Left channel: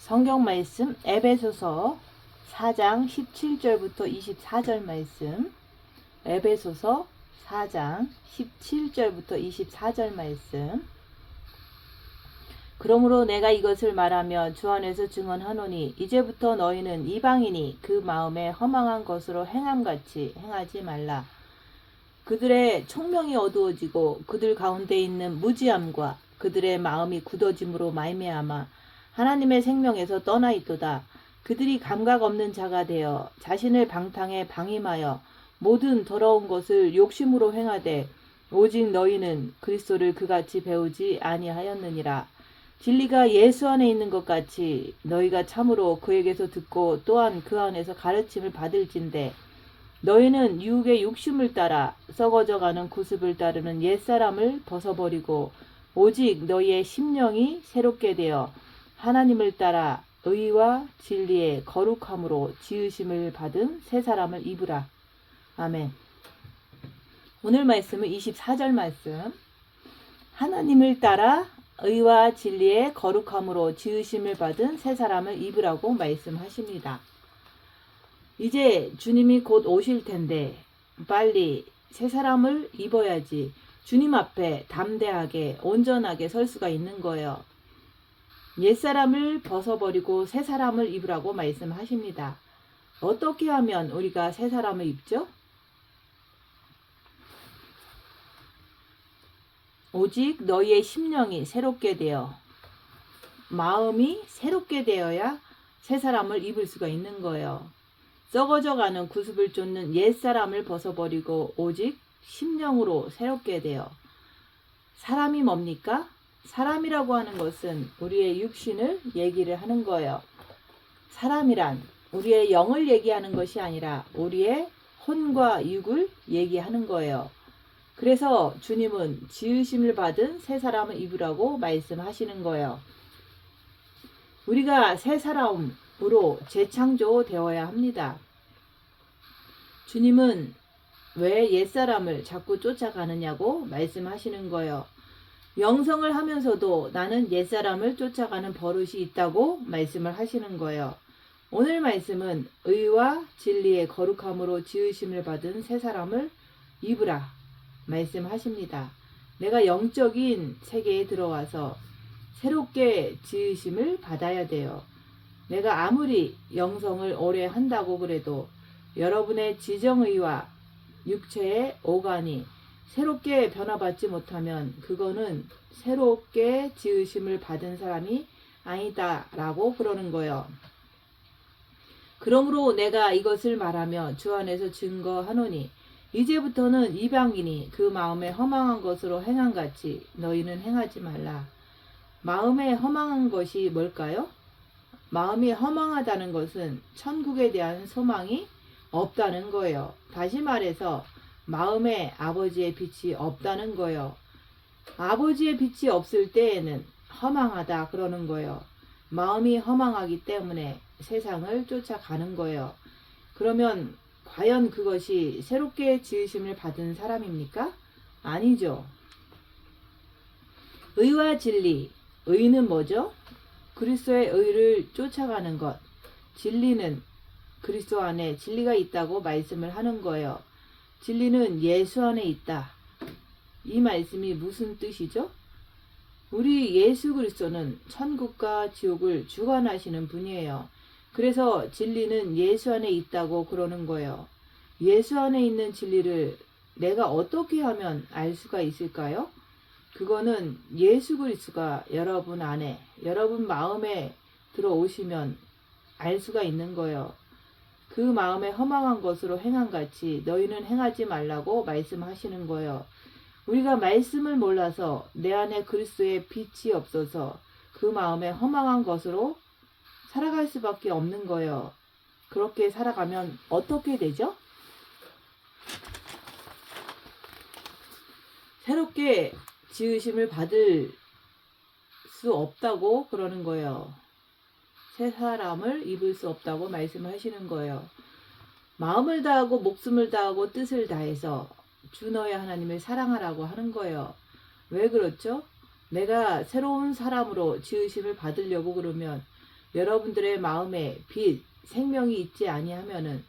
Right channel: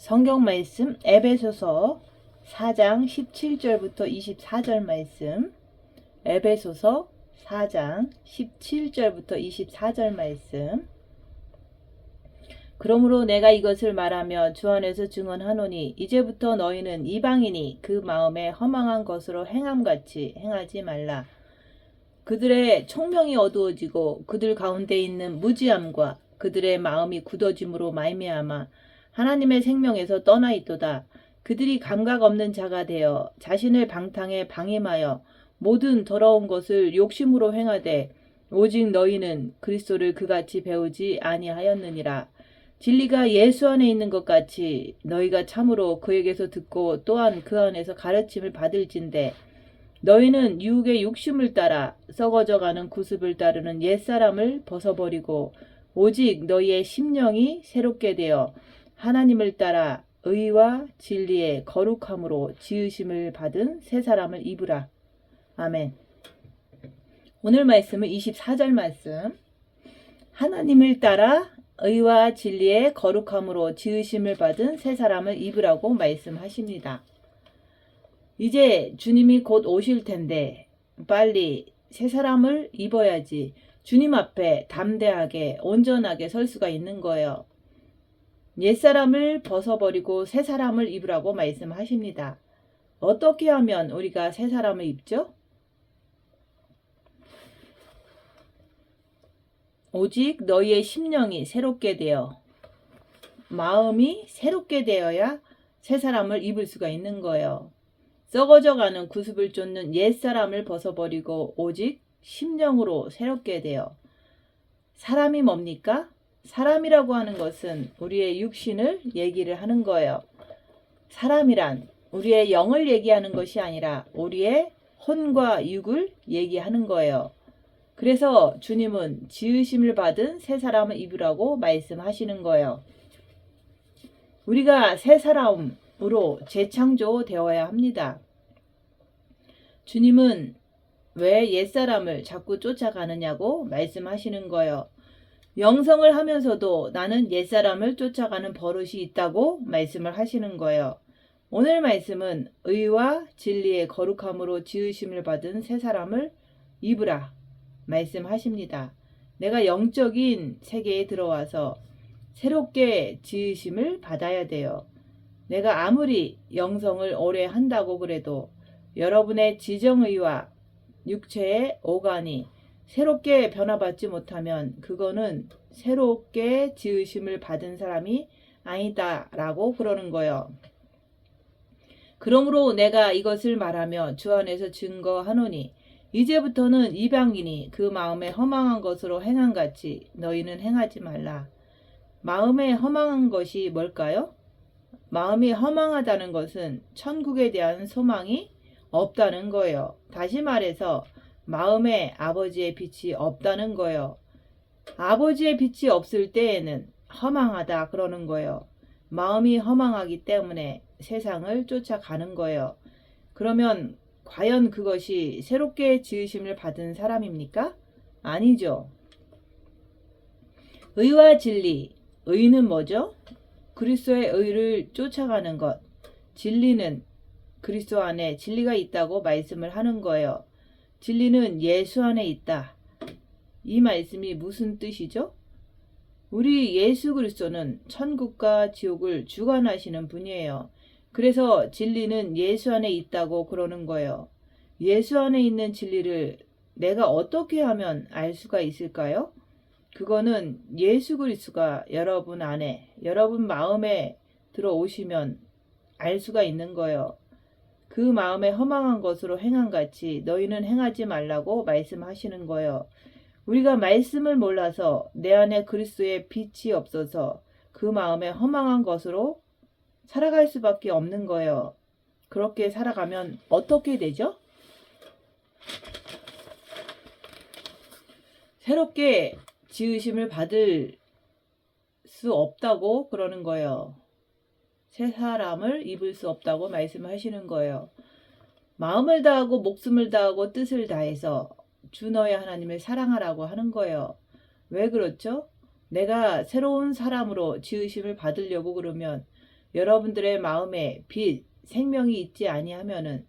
성경 말씀 에베소서 4장 17절부터 24절 말씀, 에베소서 4장 17절부터 24절 말씀. 그러므로 내가 이것을 말하며 주 안에서 증언하노니 이제부터 너희는 이방인이 그 마음에 허망한 것으로 행함같이 행하지 말라. 그들의 총명이 어두워지고 그들 가운데 있는 무지함과 그들의 마음이 굳어짐으로 말미암아 하나님의 생명에서 떠나 있도다. 그들이 감각 없는 자가 되어 자신을 방탕에 방임하여 모든 더러운 것을 욕심으로 행하되 오직 너희는 그리스도를 그같이 배우지 아니하였느니라. 진리가 예수 안에 있는 것 같이 너희가 참으로 그에게서 듣고 또한 그 안에서 가르침을 받을진대 너희는 유혹의 욕심을 따라 썩어져가는 구습을 따르는 옛사람을 벗어버리고 오직 너희의 심령이 새롭게 되어 하나님을 따라 의와 진리의 거룩함으로 지으심을 받은 새 사람을 입으라. 아멘. 오늘 말씀은 24절 말씀. 하나님을 따라 의와 진리의 거룩함으로 지으심을 받은 새 사람을 입으라고 말씀하십니다. 이제 주님이 곧 오실 텐데 빨리 새 사람을 입어야지 주님 앞에 담대하게 온전하게 설 수가 있는 거예요. 옛사람을 벗어버리고 새 사람을 입으라고 말씀하십니다. 어떻게 하면 우리가 새 사람을 입죠? 오직 너희의 심령이 새롭게 되어 마음이 새롭게 되어야 새 사람을 입을 수가 있는 거예요. 썩어져가는 구습을 쫓는 옛사람을 벗어버리고 오직 심령으로 새롭게 되어 사람이 뭡니까? 사람이라고 하는 것은 우리의 육신을 얘기를 하는 거예요. 사람이란 우리의 영을 얘기하는 것이 아니라 우리의 혼과 육을 얘기하는 거예요. 그래서 주님은 지으심을 받은 새 사람을 입으라고 말씀하시는 거예요. 우리가 새 사람으로 재창조되어야 합니다. 주님은 왜 옛사람을 자꾸 쫓아가느냐고 말씀하시는 거예요. 영성을 하면서도 나는 옛사람을 쫓아가는 버릇이 있다고 말씀을 하시는 거예요. 오늘 말씀은 의와 진리의 거룩함으로 지으심을 받은 새 사람을 입으라 말씀하십니다. 내가 영적인 세계에 들어와서 새롭게 지으심을 받아야 돼요. 내가 아무리 영성을 오래 한다고 그래도 여러분의 지정의와 육체의 오간이 새롭게 변화받지 못하면 그거는 새롭게 지으심을 받은 사람이 아니다 라고 그러는 거예요. 그러므로 내가 이것을 말하며 주 안에서 증거하노니 이제부터는 이방인이 그 마음에 허망한 것으로 행함같이 너희는 행하지 말라. 마음에 허망한 것이 뭘까요? 마음이 허망하다는 것은 천국에 대한 소망이 없다는 거예요. 다시 말해서 마음에 아버지의 빛이 없다는 거예요. 아버지의 빛이 없을 때에는 허망하다 그러는 거예요. 마음이 허망하기 때문에 세상을 쫓아가는 거예요. 그러면 과연 그것이 새롭게 지으심을 받은 사람입니까? 아니죠. 의와 진리. 의는 뭐죠? 그리스도의 의를 쫓아가는 것. 진리는 그리스도 안에 진리가 있다고 말씀을 하는 거예요. 진리는 예수 안에 있다. 이 말씀이 무슨 뜻이죠? 우리 예수 그리스도는 천국과 지옥을 주관하시는 분이에요. 그래서 진리는 예수 안에 있다고 그러는 거예요. 예수 안에 있는 진리를 내가 어떻게 하면 알 수가 있을까요? 그거는 예수 그리스도가 여러분 안에, 여러분 마음에 들어오시면 알 수가 있는 거예요. 그 마음에 허망한 것으로 행함같이 너희는 행하지 말라고 말씀하시는 거예요. 우리가 말씀을 몰라서 내 안에 그리스도의 빛이 없어서 그 마음에 허망한 것으로 살아갈 수밖에 없는 거예요. 그렇게 살아가면 어떻게 되죠? 새롭게 지으심을 받을 수 없다고 그러는 거예요. 새 사람을 입을 수 없다고 말씀하시는 거예요. 마음을 다하고 목숨을 다하고 뜻을 다해서 주 너의 하나님을 사랑하라고 하는 거예요. 왜 그렇죠? 내가 새로운 사람으로 지으심을 받으려고 그러면 여러분들의 마음에 빛, 생명이 있지 아니하면은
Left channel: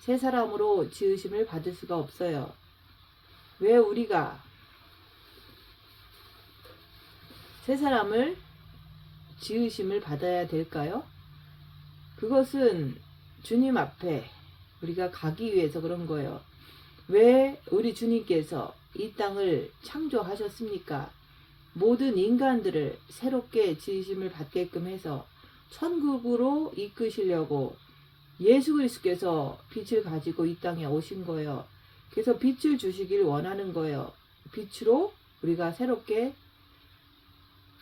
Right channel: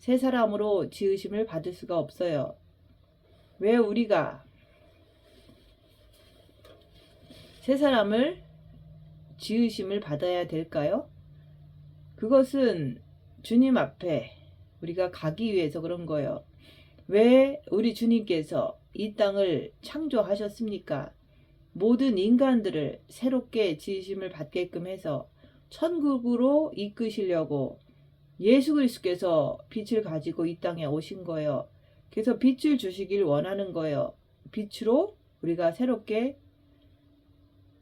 새 사람으로 지으심을 받을 수가 없어요. 왜 우리가 새 사람을 지으심을 받아야 될까요? 그것은 주님 앞에 우리가 가기 위해서 그런 거예요. 왜 우리 주님께서 이 땅을 창조하셨습니까? 모든 인간들을 새롭게 지으심을 받게끔 해서 천국으로 이끄시려고 예수 그리스도께서 빛을 가지고 이 땅에 오신 거예요. 그래서 빛을 주시길 원하는 거예요. 빛으로 우리가 새롭게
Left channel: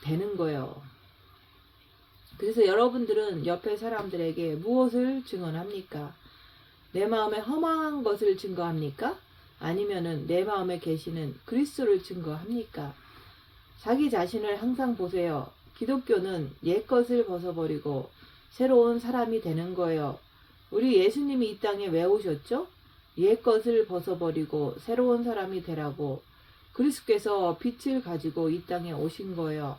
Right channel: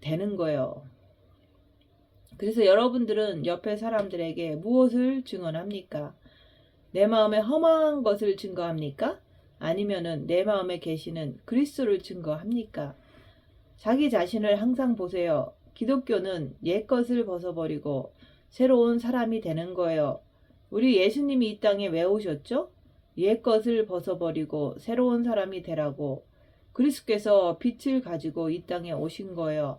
되는 거예요. 그래서 여러분들은 옆에 사람들에게 무엇을 증언합니까? 내 마음에 허망한 것을 증거합니까? 아니면은 내 마음에 계시는 그리스도를 증거합니까? 자기 자신을 항상 보세요. 기독교는 옛것을 벗어버리고 새로운 사람이 되는 거예요. 우리 예수님이 이 땅에 왜 오셨죠? 옛것을 벗어버리고 새로운 사람이 되라고 그리스도께서 빛을 가지고 이 땅에 오신 거예요.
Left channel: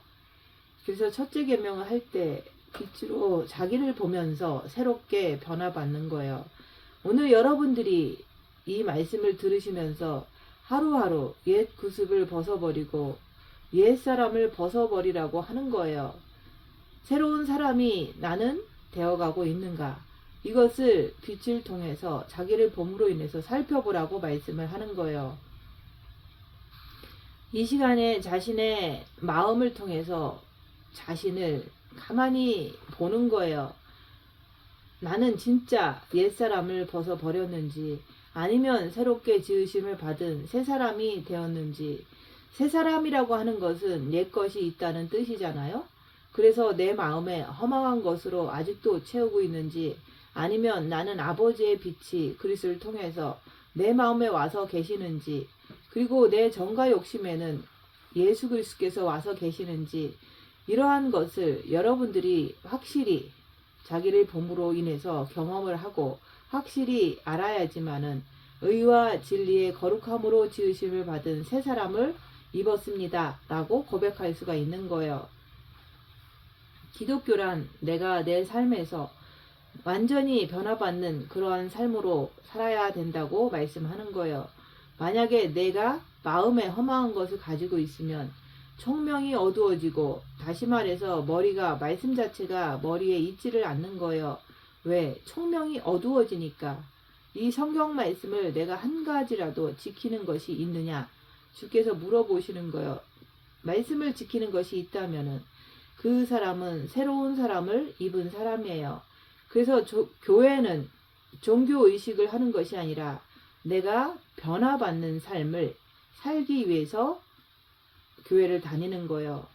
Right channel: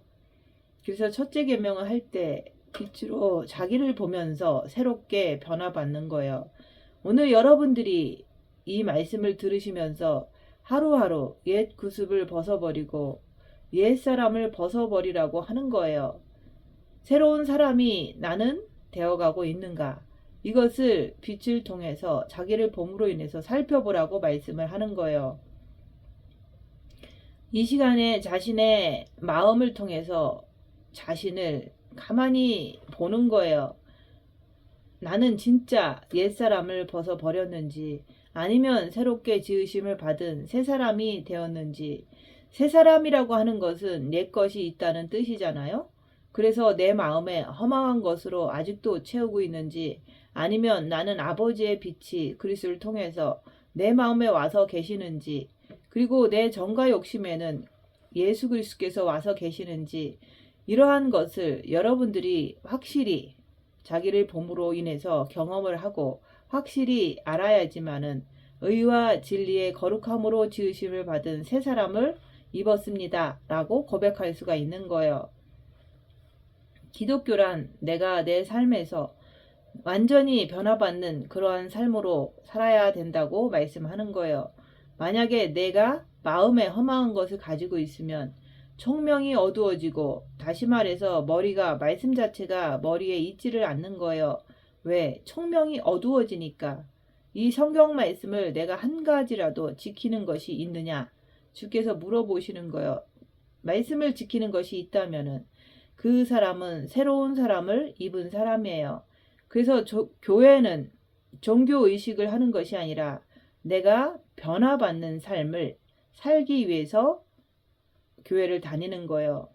그래서 첫째 계명을 할 때 빛으로 자기를 보면서 새롭게 변화받는 거예요. 오늘 여러분들이 이 말씀을 들으시면서 하루하루 옛 구습을 벗어버리고 옛 사람을 벗어버리라고 하는 거예요. 새로운 사람이 나는 되어가고 있는가? 이것을 빛을 통해서 자기를 봄으로 인해서 살펴보라고 말씀을 하는 거예요. 이 시간에 자신의 마음을 통해서 자신을 가만히 보는 거예요. 나는 진짜 옛사람을 벗어버렸는지 아니면 새롭게 지으심을 받은 새 사람이 되었는지. 새 사람이라고 하는 것은 옛 것이 있다는 뜻이잖아요. 그래서 내 마음에 허망한 것으로 아직도 채우고 있는지 아니면 나는 아버지의 빛이 그리스도를 통해서 내 마음에 와서 계시는지 그리고 내 정과 욕심에는 예수 그리스도께서 와서 계시는지 이러한 것을 여러분들이 확실히 자기를 봄으로 인해서 경험을 하고 확실히 알아야지만은 의와 진리의 거룩함으로 지으심을 받은 새 사람을 입었습니다 라고 고백할 수가 있는 거예요. 기독교란 내가 내 삶에서 완전히 변화받는 그러한 삶으로 살아야 된다고 말씀하는 거예요. 만약에 내가 마음에 허망한 것을 가지고 있으면 총명이 어두워지고 다시 말해서 머리가 말씀 자체가 머리에 있지를 않는 거예요. 왜? 총명이 어두워지니까. 이 성경 말씀을 내가 한 가지라도 지키는 것이 있느냐? 주께서 물어보시는 거예요. 말씀을 지키는 것이 있다면은 그 사람은 새로운 사람을 입은 사람이에요. 그래서 교회는 종교의식을 하는 것이 아니라 내가 변화받는 삶을 살기 위해서 교회를 다니는 거예요.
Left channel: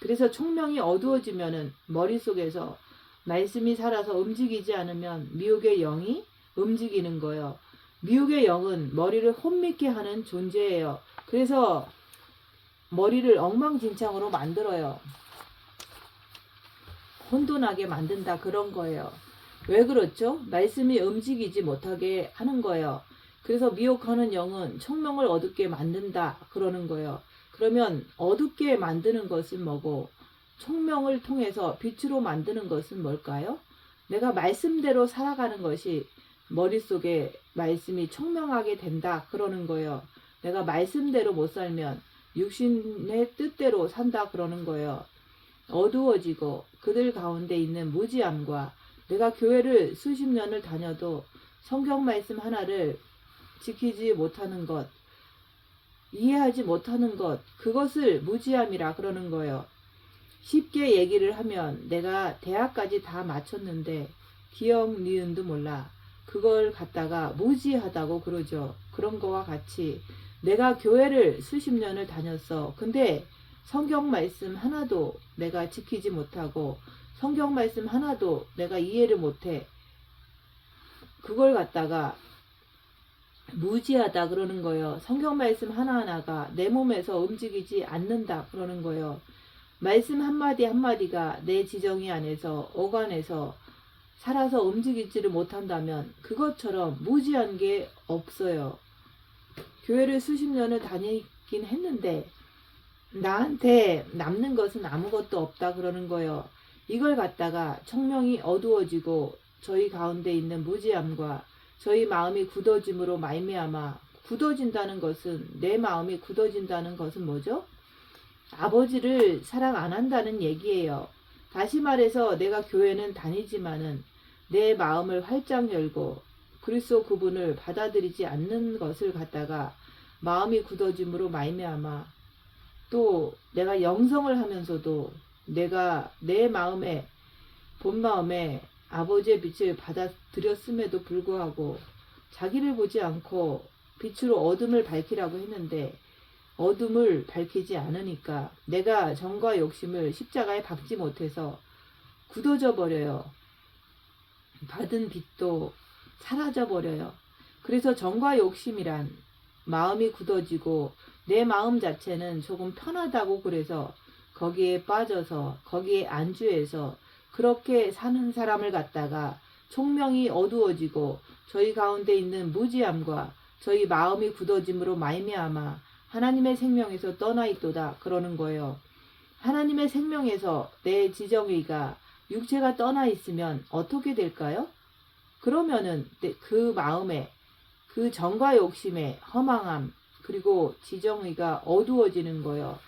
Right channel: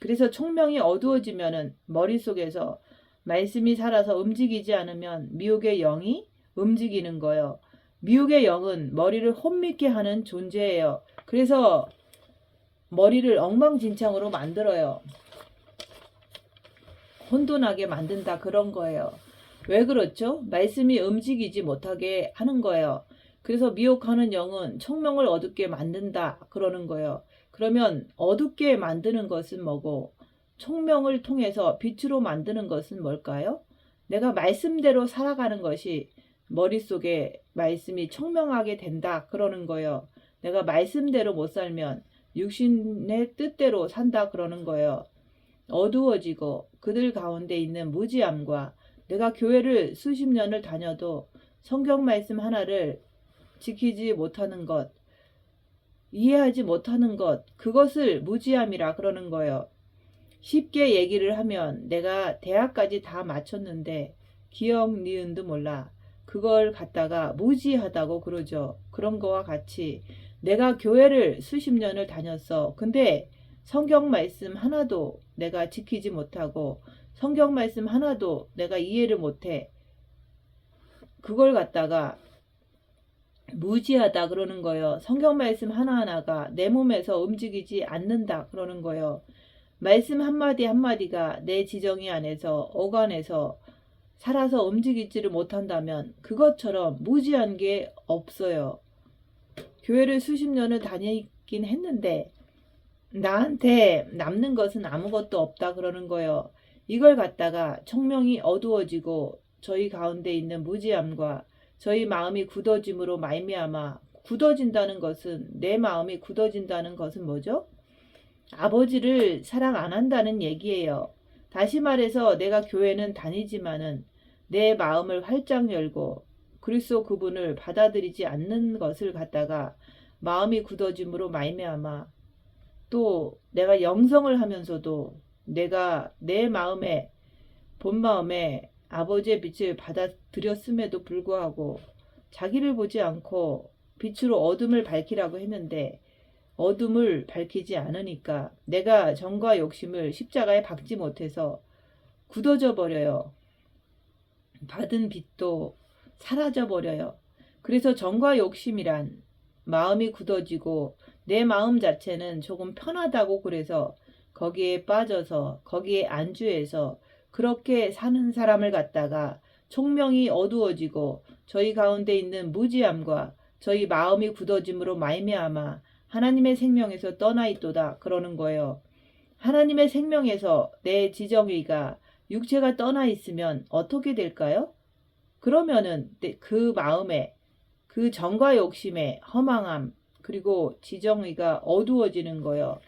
그래서 총명이 어두워지면은 머릿속에서 말씀이 살아서 움직이지 않으면 미혹의 영이 움직이는 거예요. 미혹의 영은 머리를 혼미케 하는 존재예요. 그래서 머리를 엉망진창으로 만들어요. 혼돈하게 만든다 그런 거예요. 왜 그렇죠? 말씀이 움직이지 못하게 하는 거예요. 그래서 미혹하는 영은 총명을 어둡게 만든다 그러는 거예요. 그러면 어둡게 만드는 것은 뭐고 총명을 통해서 빛으로 만드는 것은 뭘까요? 내가 말씀대로 살아가는 것이 머릿속에 말씀이 총명하게 된다 그러는 거예요. 내가 말씀대로 못 살면 육신의 뜻대로 산다 그러는 거예요. 어두워지고 그들 가운데 있는 무지함과 내가 교회를 수십 년을 다녀도 성경 말씀 하나를 지키지 못하는 것, 이해하지 못하는 것, 그것을 무지함이라 그러는 거예요. 쉽게 얘기를 하면 내가 대학까지 다 마쳤는데 기억 니은도 몰라. 그걸 갖다가 무지하다고 그러죠. 그런 거와 같이 내가 교회를 수십 년을 다녔어. 근데 성경 말씀 하나도 내가 지키지 못하고 성경 말씀 하나도 내가 이해를 못해. 그걸 갖다가 무지하다 그러는 거예요. 성경 말씀 하나하나가 내 몸에서 움직이지 않는다 그러는 거예요. 말씀 한마디 한마디가 내 지정이 안에서 오간에서 살아서 움직이지를 못한다면 그것처럼 무지한 게 없어요. 교회를 수십 년을 다니긴 했는데 나한테 남는 것은 아무것도 없다 그러는 거예요. 이걸 갖다가 청명이 어두워지고 저희 가운데 있는 무지함과 저희 마음이 굳어짐으로 말미암아, 굳어진다는 것은, 내 마음이 굳어진다는 것은 뭐죠? 아버지를 사랑 안 한다는 얘기예요. 다시 말해서 내가 교회는 다니지만은 내 마음을 활짝 열고 그리스도 그분을 받아들이지 않는 것을 갖다가 마음이 굳어짐으로 말미암아, 또 내가 영성을 하면서도 내가 내 마음에, 본 마음에 아버지의 빛을 받아들였음에도 불구하고 자기를 보지 않고 빛으로 어둠을 밝히라고 했는데 어둠을 밝히지 않으니까 내가 정과 욕심을 십자가에 박지 못해서 굳어져 버려요. 받은 빛도 사라져 버려요. 그래서 정과 욕심이란 마음이 굳어지고 내 마음 자체는 조금 편하다고, 그래서 거기에 빠져서 거기에 안주해서 그렇게 사는 사람을 갖다가 총명이 어두워지고 저희 가운데 있는 무지함과 저희 마음이 굳어짐으로 말미암아 하나님의 생명에서 떠나 있도다 그러는 거예요. 하나님의 생명에서 내 지정의가, 육체가 떠나 있으면 어떻게 될까요? 그러면은 그 마음에 그 정과 욕심의 허망함, 그리고 지정의가 어두워지는 거예요.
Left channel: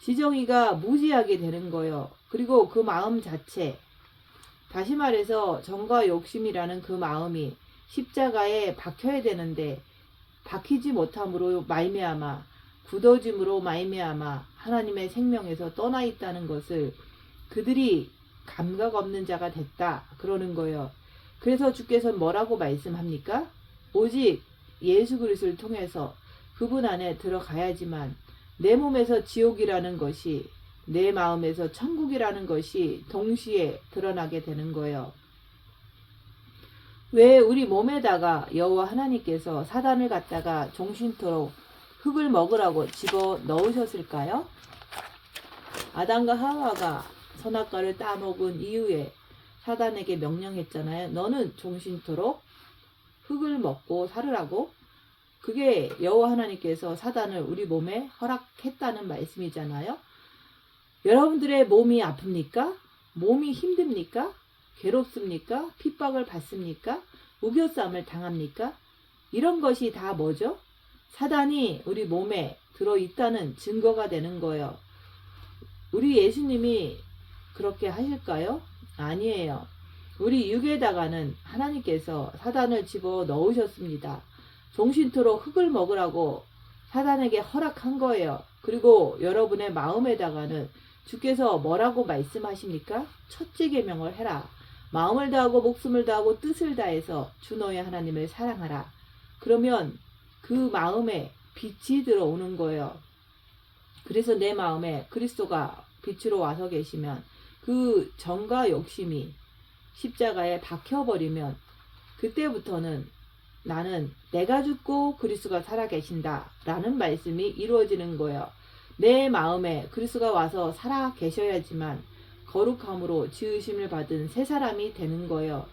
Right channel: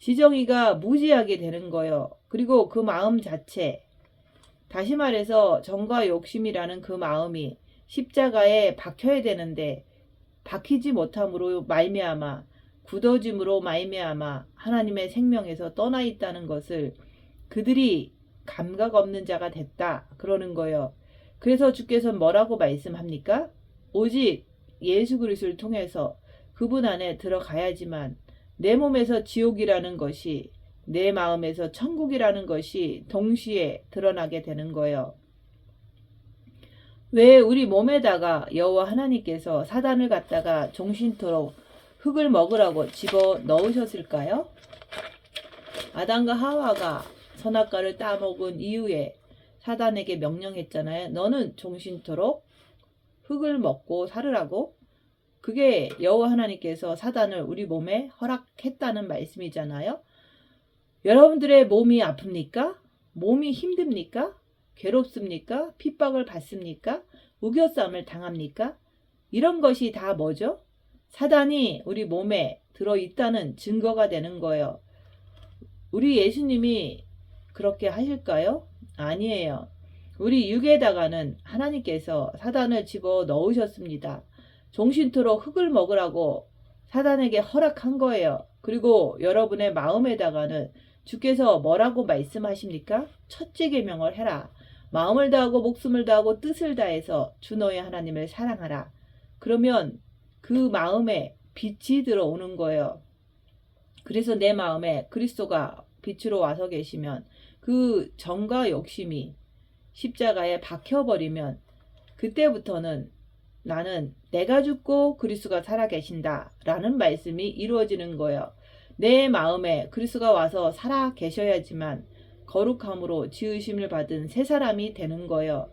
지정의가 무지하게 되는 거예요. 그리고 그 마음 자체, 다시 말해서 정과 욕심이라는 그 마음이 십자가에 박혀야 되는데 박히지 못함으로 말미암아, 굳어짐으로 말미암아 하나님의 생명에서 떠나 있다는 것을 그들이 감각 없는 자가 됐다 그러는 거예요. 그래서 주께서 뭐라고 말씀합니까? 오직 예수 그리스도를 통해서 그분 안에 들어가야지만 내 몸에서 지옥이라는 것이, 내 마음에서 천국이라는 것이 동시에 드러나게 되는 거예요. 왜 우리 몸에다가 여호와 하나님께서 사단을 갖다가 종신토록 흙을 먹으라고 집어 넣으셨을까요? 아담과 하와가 선악과를 따먹은 이후에 사단에게 명령했잖아요. 너는 종신토록 흙을 먹고 살으라고. 그게 여호와 하나님께서 사단을 우리 몸에 허락했다는 말씀이잖아요. 여러분들의 몸이 아픕니까? 몸이 힘듭니까? 괴롭습니까? 핍박을 받습니까? 우겨싸움을 당합니까? 이런 것이 다 뭐죠? 사단이 우리 몸에 들어있다는 증거가 되는 거예요. 우리 예수님이 그렇게 하실까요? 아니에요. 우리 육에다가는 하나님께서 사단을 집어 넣으셨습니다. 종신토록 흙을 먹으라고 사단에게 허락한 거예요. 그리고 여러분의 마음에다가는 주께서 뭐라고 말씀하십니까? 첫째 계명을 해라. 마음을 다하고 목숨을 다하고 뜻을 다해서 주 너의 하나님을 사랑하라. 그러면 그 마음에 빛이 들어오는 거예요. 그래서 내 마음에 그리스도가 빛으로 와서 계시면 그 정과 욕심이 십자가에 박혀버리면 그때부터는 나는 내가 죽고 그리스도가 살아계신다 라는 말씀이 이루어지는 거예요. 내 마음에 그리스도가 와서 살아계셔야지만 거룩함으로 지으심을 받은 새 사람이 되는 거예요.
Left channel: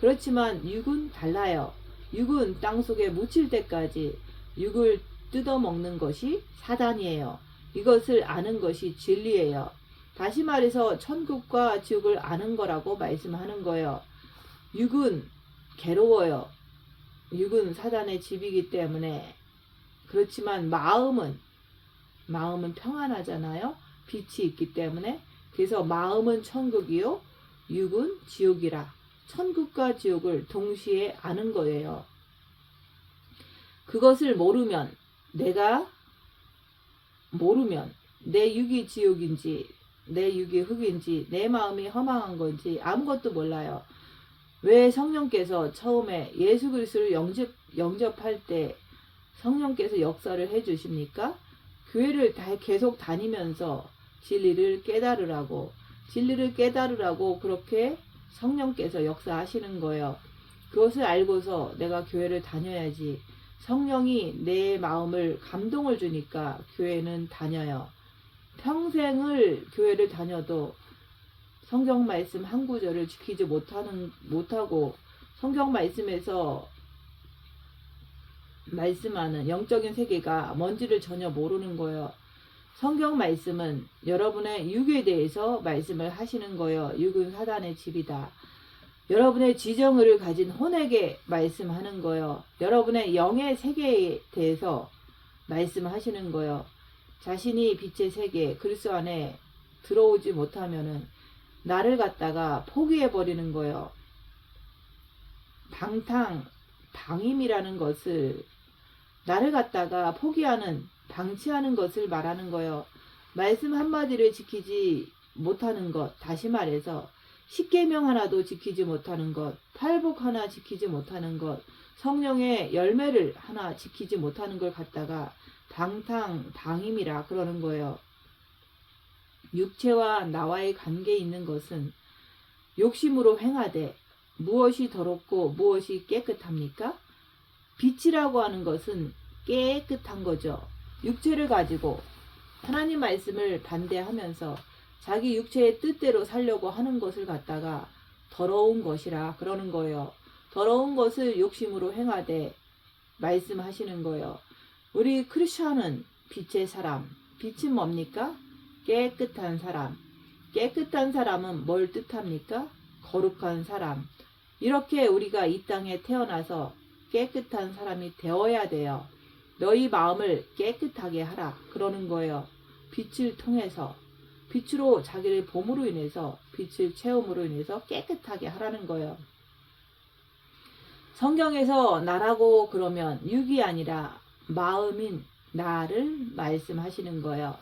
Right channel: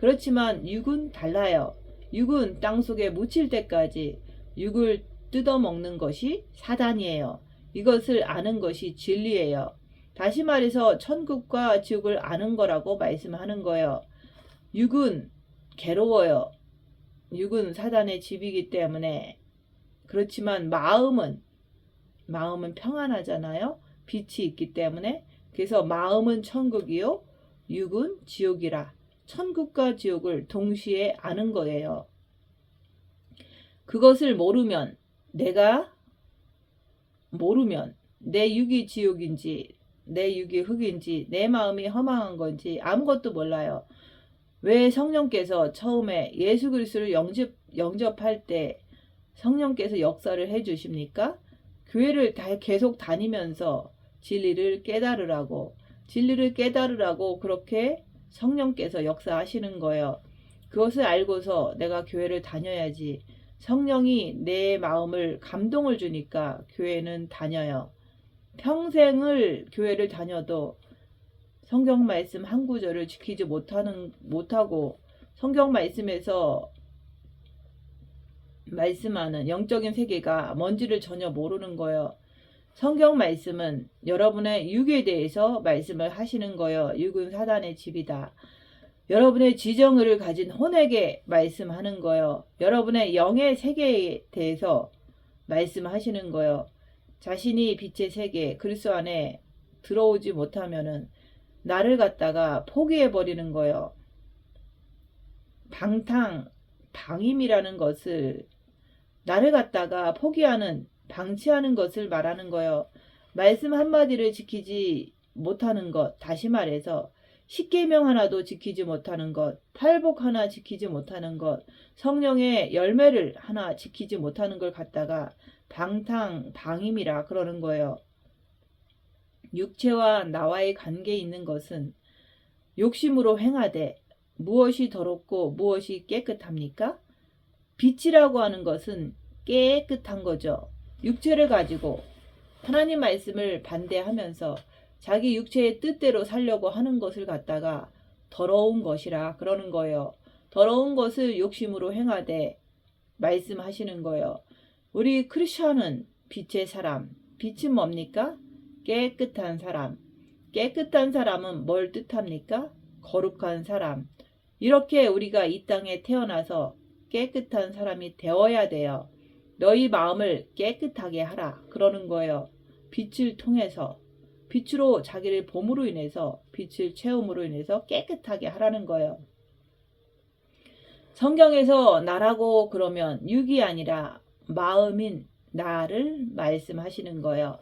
그렇지만 육은 달라요. 육은 땅속에 묻힐 때까지 육을 뜯어먹는 것이 사단이에요. 이것을 아는 것이 진리예요. 다시 말해서 천국과 지옥을 아는 거라고 말씀하는 거예요. 육은 괴로워요. 육은 사단의 집이기 때문에. 그렇지만 마음은 평안하잖아요. 빛이 있기 때문에. 그래서 마음은 천국이요 육은 지옥이라. 천국과 지옥을 동시에 아는 거예요. 그것을 모르면, 내가 모르면 내 육이 지옥인지 내 육이 흙인지 내 마음이 허망한 건지 아무것도 몰라요. 왜 성령께서 처음에 예수 그리스도를 영접할 때 성령께서 역사를 해 주십니까? 교회를 계속 다니면서 진리를 깨달으라고 그렇게 성령께서 역사하시는 거예요. 그것을 알고서 내가 교회를 다녀야지. 성령이 내 마음을 감동을 주니까 교회는 다녀요. 평생을 교회를 다녀도 성경 말씀 한 구절을 지키지 못하고 성경 말씀에서 말씀하는 영적인 세계가 뭔지를 전혀 모르는 거예요. 성경 말씀은 여러분의 육에 대해서 말씀을 하시는 거예요. 육은 사단의 집이다. 여러분의 지정을 가진 혼에게 말씀하는 거예요. 여러분의 영의 세계에 대해서 말씀하시는 거예요. 자신이 빛의 세계 그리스도 안에 들어오지 못하면은 나를 갖다가 포기해 버리는 거예요. 방임이라는 것을 나를 갖다가 포기하는 방치하는 것을 말하는 거예요. 말씀 한마디를 지키지 못하는 것, 다시 말해서 십계명 하나도 지키지 못하는 것, 팔복 하나 지키지 못하는 것, 성령의 열매를 하나 지키지 못하는 걸 갖다가 방임이라 그러는 거예요. 육체와 나와의 관계에 있는 것은 욕심으로 행하되 무엇이 더럽고 무엇이 깨끗합니까? 빛이라고 하는 것은 깨끗한 거죠. 육체를 가지고 하나님 말씀을 반대하면서 자기 육체의 뜻대로 살려고 하는 것을 갖다가 더러운 것이라 그러는 거예요. 더러운 것을 욕심으로 행하되 말씀하시는 거예요. 우리 크리스천은 빛의 사람. 빛은 뭡니까? 깨끗한 사람. 깨끗한 사람은 뭘 뜻합니까? 거룩한 사람. 이렇게 우리가 이 땅에 태어나서 깨끗한 사람이 되어야 돼요. 너희 마음을 깨끗하게 하라 그러는 거예요. 빛을 통해서 빛으로 자기를 봄으로 인해서 빛을 체험으로 인해서 깨끗하게 하라는 거예요. 성경에서 나라고 그러면 육이 아니라 마음인 나를 말씀하시는 거예요.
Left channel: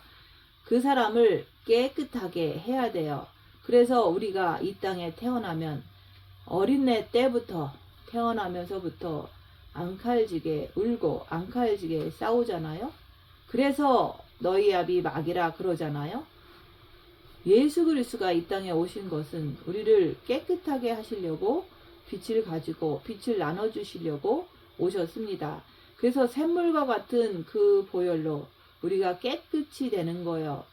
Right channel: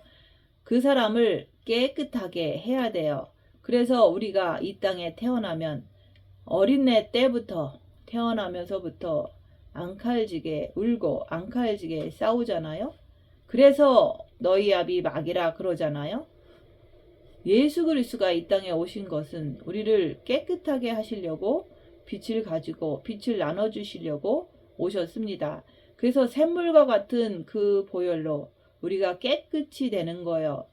그 사람을 깨끗하게 해야 돼요. 그래서 우리가 이 땅에 태어나면 어린애 때부터 태어나면서부터 앙칼지게 울고 앙칼지게 싸우잖아요. 그래서 너희 아비 마귀라 그러잖아요. 예수 그리스도가 이 땅에 오신 것은 우리를 깨끗하게 하시려고 빛을 가지고 빛을 나눠주시려고 오셨습니다. 그래서 샘물과 같은 그 보혈로 우리가 깨끗이 되는 거예요.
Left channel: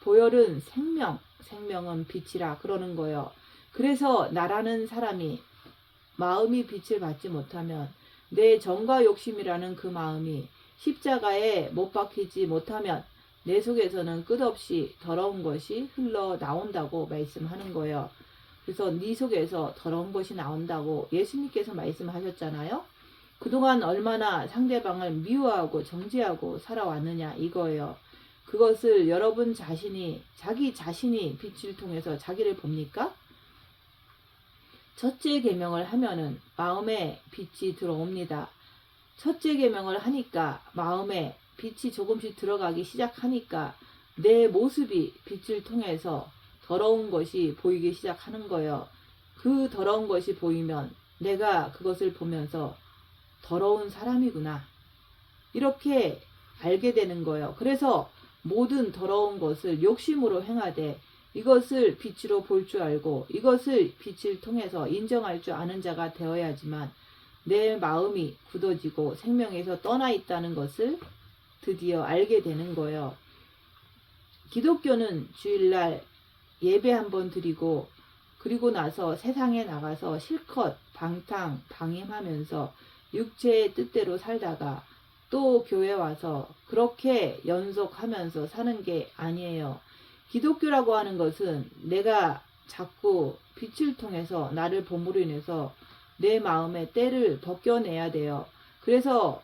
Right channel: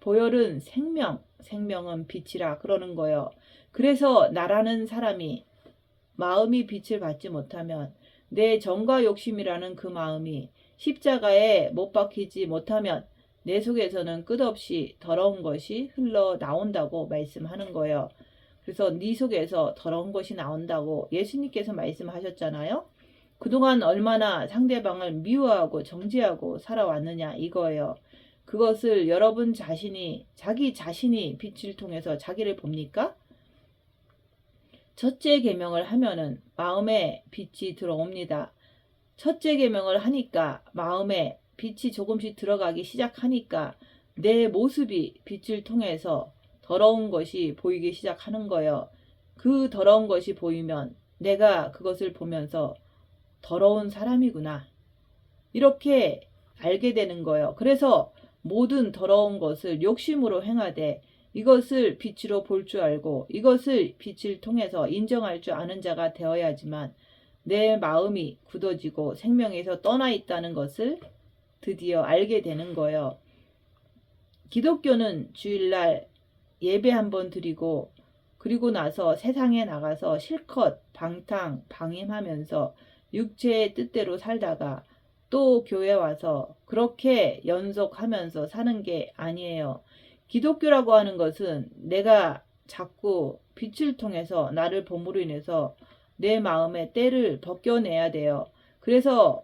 보혈은 생명, 생명은 빛이라 그러는 거예요. 그래서 나라는 사람이 마음이 빛을 받지 못하면 내 정과 욕심이라는 그 마음이 십자가에 못 박히지 못하면 내 속에서는 끝없이 더러운 것이 흘러나온다고 말씀하는 거예요. 그래서 네 속에서 더러운 것이 나온다고 예수님께서 말씀하셨잖아요. 그동안 얼마나 상대방을 미워하고 정죄하고 살아왔느냐 이거예요. 그것을 여러분 자신이 자기 자신이 빛을 통해서 자기를 봅니까? 첫째 계명을 하면은 마음에 빛이 들어옵니다. 첫째 계명을 하니까 마음에 빛이 조금씩 들어가기 시작하니까 내 모습이 빛을 통해서 더러운 것이 보이기 시작하는 거예요. 그 더러운 것이 보이면 내가 그것을 보면서 더러운 사람이구나 이렇게 알게 되는 거예요. 그래서 모든 더러운 것을 욕심으로 행하되 이것을 빛으로 볼 줄 알고 이것을 빛을 통해서 인정할 줄 아는 자가 되어야지만 내 마음이 굳어지고 생명에서 떠나 있다는 것을 드디어 알게 되는 거예요. 기독교는 주일날 예배 한번 드리고 그리고 나서 세상에 나가서 실컷 방임하면서 육체의 뜻대로 살다가 또 교회 와서 그렇게 연속하면서 사는 게 아니에요. 기독교라고 하는 것은 내가 자꾸 빛을 통해서 나를 봄으로 인해서 내 마음의 때를 벗겨내야 돼요. 그래서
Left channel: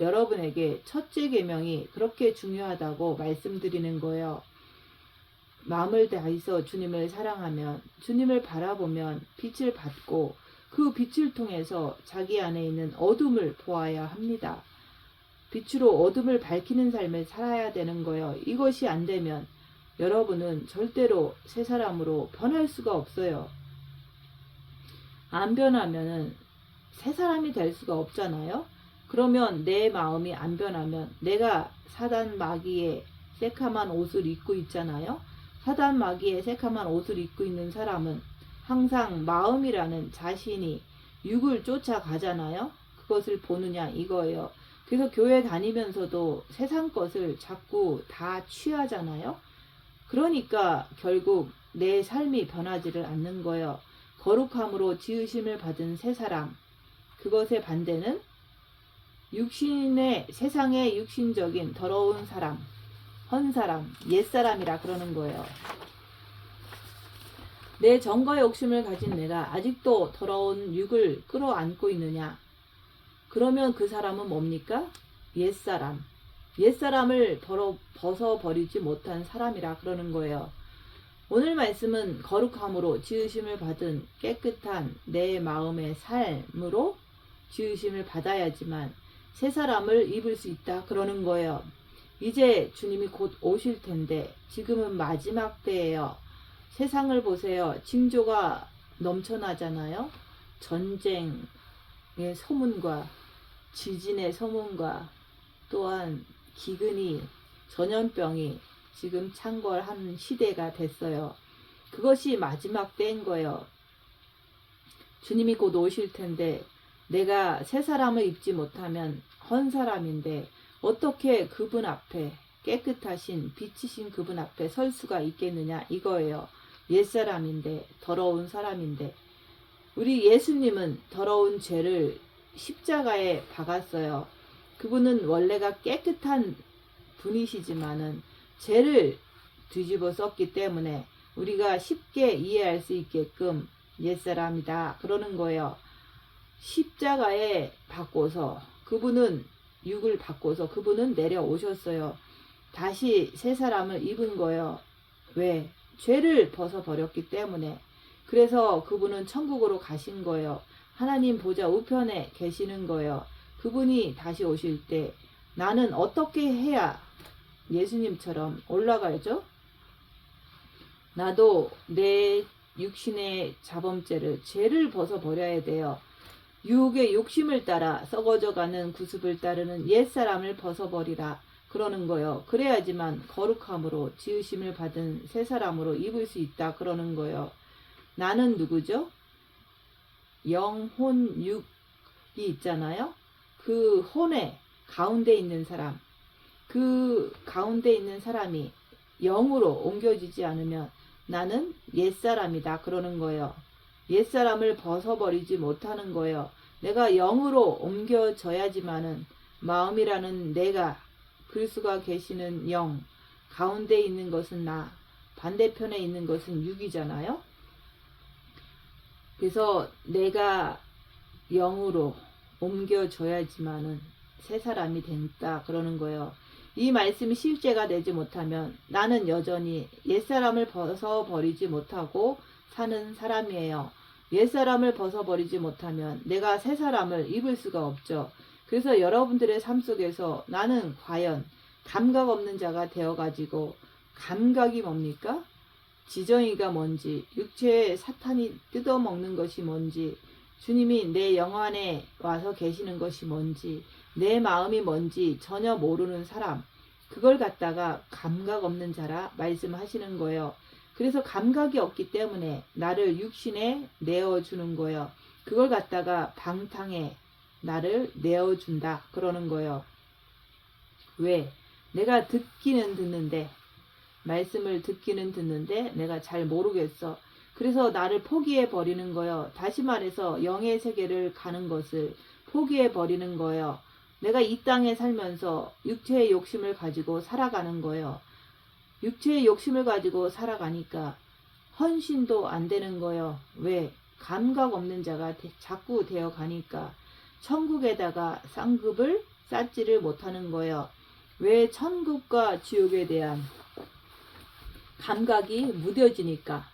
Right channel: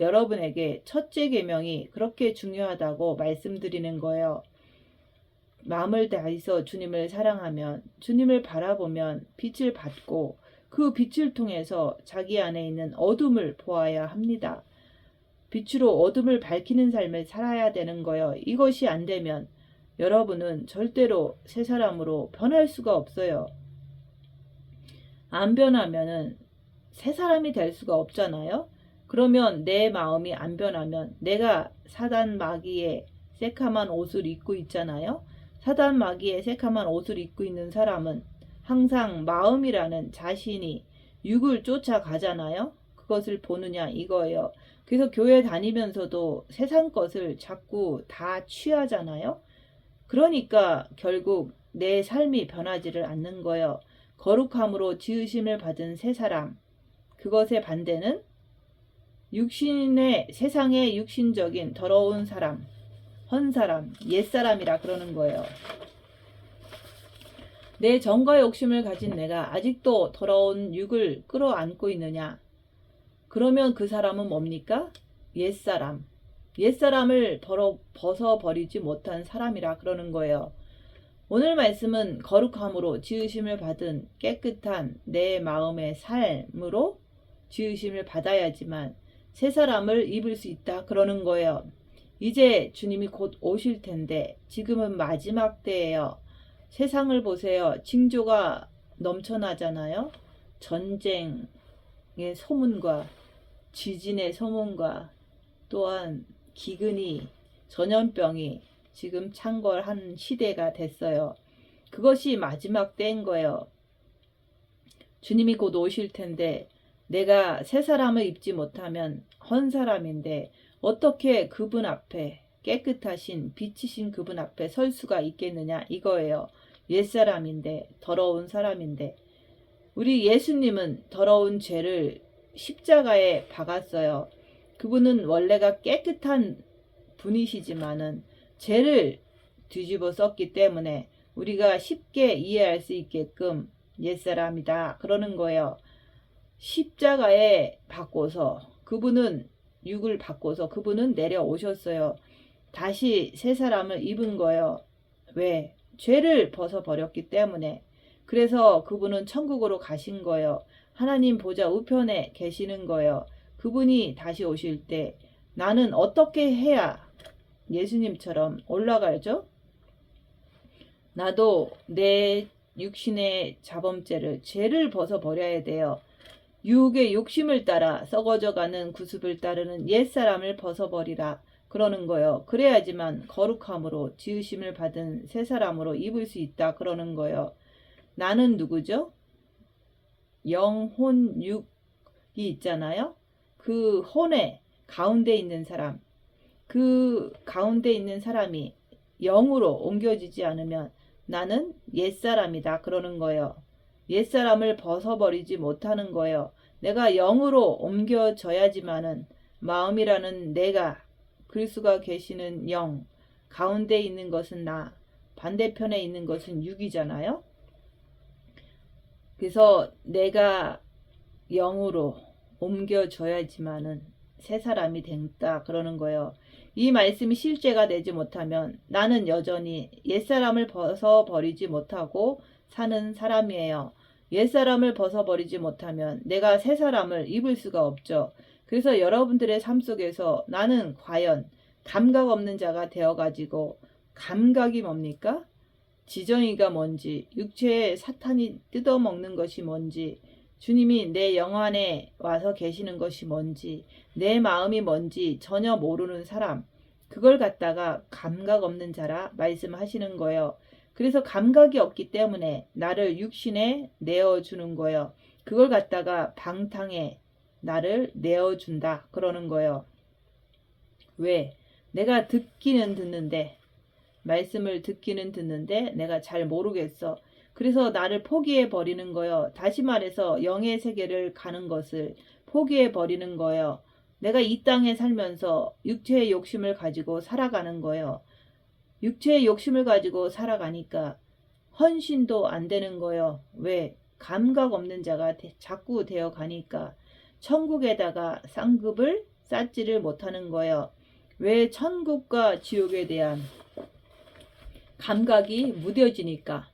여러분에게 첫째 계명이 그렇게 중요하다고 말씀드리는 거예요. 마음을 다해서 주님을 사랑하면 주님을 바라보면 빛을 받고 그 빛을 통해서 자기 안에 있는 어둠을 보아야 합니다. 빛으로 어둠을 밝히는 삶을 살아야 되는 거예요. 이것이 안 되면 여러분은 절대로 새 사람으로 변할 수가 없어요. 안 변하면은 새 사람이 될 수가 없잖아요. 그러면 내 마음이 안 변하면 내가 사단 마귀의 새카만 옷을 입고 있잖아요. 사단 마귀의 새카만 옷을 입고 있는 사람은 항상 마음이라는 자신이 육을 쫓아가잖아요. 그것을 보느냐 이거예요. 그래서 교회 다니면서도 세상 것을 자꾸 다 취하잖아요. 그러니까 결국 내 삶이 변하지를 않는 거예요. 거룩함으로 지으심을 받은 새 사람. 그것의 반대는 육신의 세상의 육신적인 더러운 사람. 헌사람, 옛사람이라 그러는 거예요. 내 정과 욕심을 가진 내가 아직도 더러운 육을 끌어안고 있느냐? 그러면 그 사람은 뭡니까? 옛사람. 옛사람을 벗어버리지 못한 사람이라 그러는 거예요. 오늘 말씀은 거룩함으로 지으심을 받은 깨끗한 내 마음의 삶으로 지으심을 받아야지만 새 사람을 입을 수 있다 그러는 거예요. 이제 주님이 곧 오실 텐데 지금은 마지막 때예요. 세상을 보세요. 징조가 넘쳐나잖아요. 전쟁의 소문과 지진의 소문과 또한 기근이 전염병이 지금 창궐한 시대가 됐어요. 그것이 마지막 때인 거예요. 주님이 곧 오실 텐데 내가 새 사람을 입지 못하면 헌 사람인데 어떻게 그분 앞에 깨끗하신 빛이신 그분 앞에 설 수가 있겠느냐 이거예요. 옛사람인데 더러운 사람인데 우리 예수님은 더러운 죄를 십자가에 박았어요. 그분은 원래가 깨끗한 분이시지만은 죄를 뒤집어 썼기 때문에 우리가 쉽게 이해할 수 있게끔 옛사람이다 그러는 거예요. 십자가에 박고서 그분은 육을 바꿔서 그분은 내려오셨어요. 다시 새 사람을 입은 거예요. 왜? 죄를 벗어버렸기 때문에. 그래서 그분은 천국으로 가신 거예요. 하나님 보좌 우편에 계시는 거예요. 그분이 다시 오실 때 나는 어떻게 해야 예수님처럼 올라가죠? 나도 내 육신의 자범죄를 죄를 벗어버려야 돼요. 유혹의 욕심을 따라 썩어져가는 구습을 따르는 옛사람을 벗어버리라 그러는 거예요. 그래야지만 거룩함으로 지으심을 받은 새 사람으로 입을 수 있다 그러는 거예요. 나는 누구죠? 영혼 육이 있잖아요. 그 혼의 가운데 있는 사람, 그 가운데 있는 사람이 영으로 옮겨지지 않으면 나는 옛사람이다 그러는 거예요. 옛사람을 벗어버리지 못하는 거예요. 내가 영으로 옮겨져야지만은 마음이라는 내가 그리스도가 계시는 영 가운데 있는 것은 나 반대편에 있는 것은 육이잖아요. 그래서 내가 영으로 옮겨줘야지만은 새 사람이 된다 그러는 거예요. 이 말씀이 실제가 되지 못하면 나는 여전히 옛사람을 벗어버리지 못하고 사는 사람이에요. 옛사람을 벗어버리지 못하면 내가 새 사람을 입을 수가 없죠. 그래서 여러분들의 삶 속에서 나는 과연 감각 없는 자가 되어가지고 감각이 뭡니까? 지정이가 뭔지, 육체의 사탄이 뜯어먹는 것이 뭔지, 주님이 내 영 안에 와서 계시는 것이 뭔지, 내 마음이 뭔지 전혀 모르는 사람, 그걸 갖다가 감각 없는 자라 말씀하시는 거예요. 그래서 감각이 없기 때문에 나를 육신에 내어주는 거예요. 그걸 갖다가 방탕에 나를 내어준다 그러는 거예요. 왜? 내가 듣기는 듣는데 말씀을 듣기는 듣는데 내가 잘 모르겠어. 그래서 나를 포기해 버리는 거예요. 다시 말해서 영의 세계를 가는 것을 포기해 버리는 거예요. 내가 이 땅에 살면서 육체의 욕심을 가지고 살아가는 거예요. 육체의 욕심을 가지고 살아가니까 헌신도 안 되는 거예요. 왜? 감각 없는 자가 자꾸 되어 가니까 천국에다가 쌍급을 쌓지를 못하는 거예요. 왜? 천국과 지옥에 대한 감각이 무뎌지니까.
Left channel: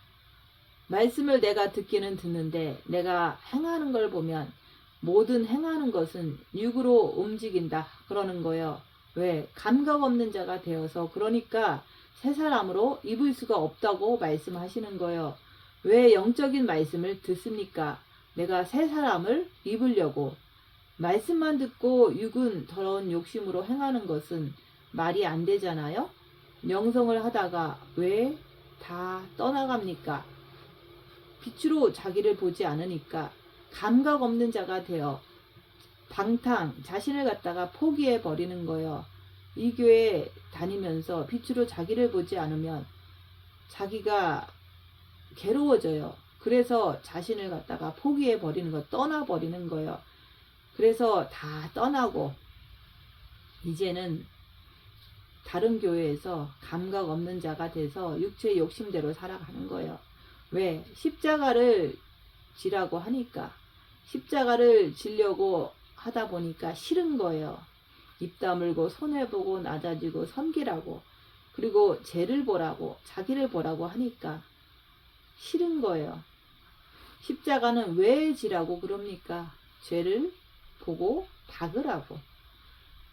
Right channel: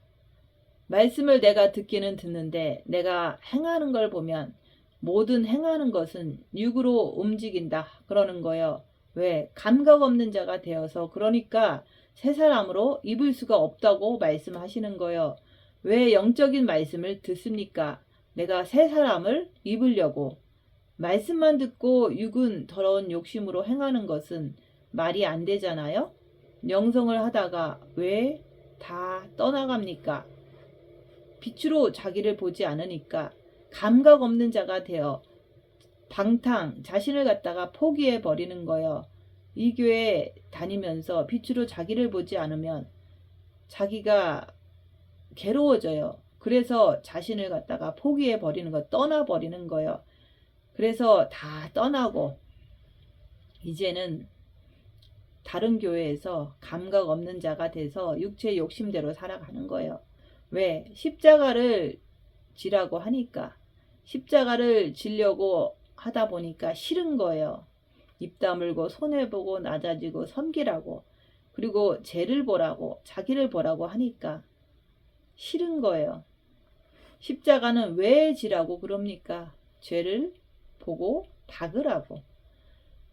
말씀을 내가 듣기는 듣는데 내가 행하는 걸 보면 모든 행하는 것은 육으로 움직인다 그러는 거예요. 왜? 감각 없는 자가 되어서 그러니까 새 사람으로 입을 수가 없다고 말씀하시는 거예요. 왜 영적인 말씀을 듣습니까? 내가 새 사람을 입으려고. 말씀만 듣고 육은 더러운 욕심으로 행하는 것은 말이 안 되잖아요. 영성을 하다가 왜 다 떠나갑니까? 빛으로 자기를 보지 않으니까 감각 없는 자가 되어 방탕 자신을 갖다가 포기해 버리는 거예요. 이 교회 다니면서 빛으로 자기를 보지 않으면 자기가 괴로워져요. 그래서 자신을 갖다가 포기해 버리는 거, 떠나 버리는 거예요. 그래서 다 떠나고 이제는 다른 교회에서 감각 없는 자가 돼서 육체의 욕심대로 살아가는 거예요. 왜? 십자가를 지라고 하니까, 십자가를 지려고 하다 보니까 싫은 거예요. 입 다물고 손해보고 낮아지고 섬기라고, 그리고 죄를 보라고 자기를 보라고 하니까 싫은 거예요. 십자가는 왜 지라고 그럽니까? 죄를 보고 박으라고.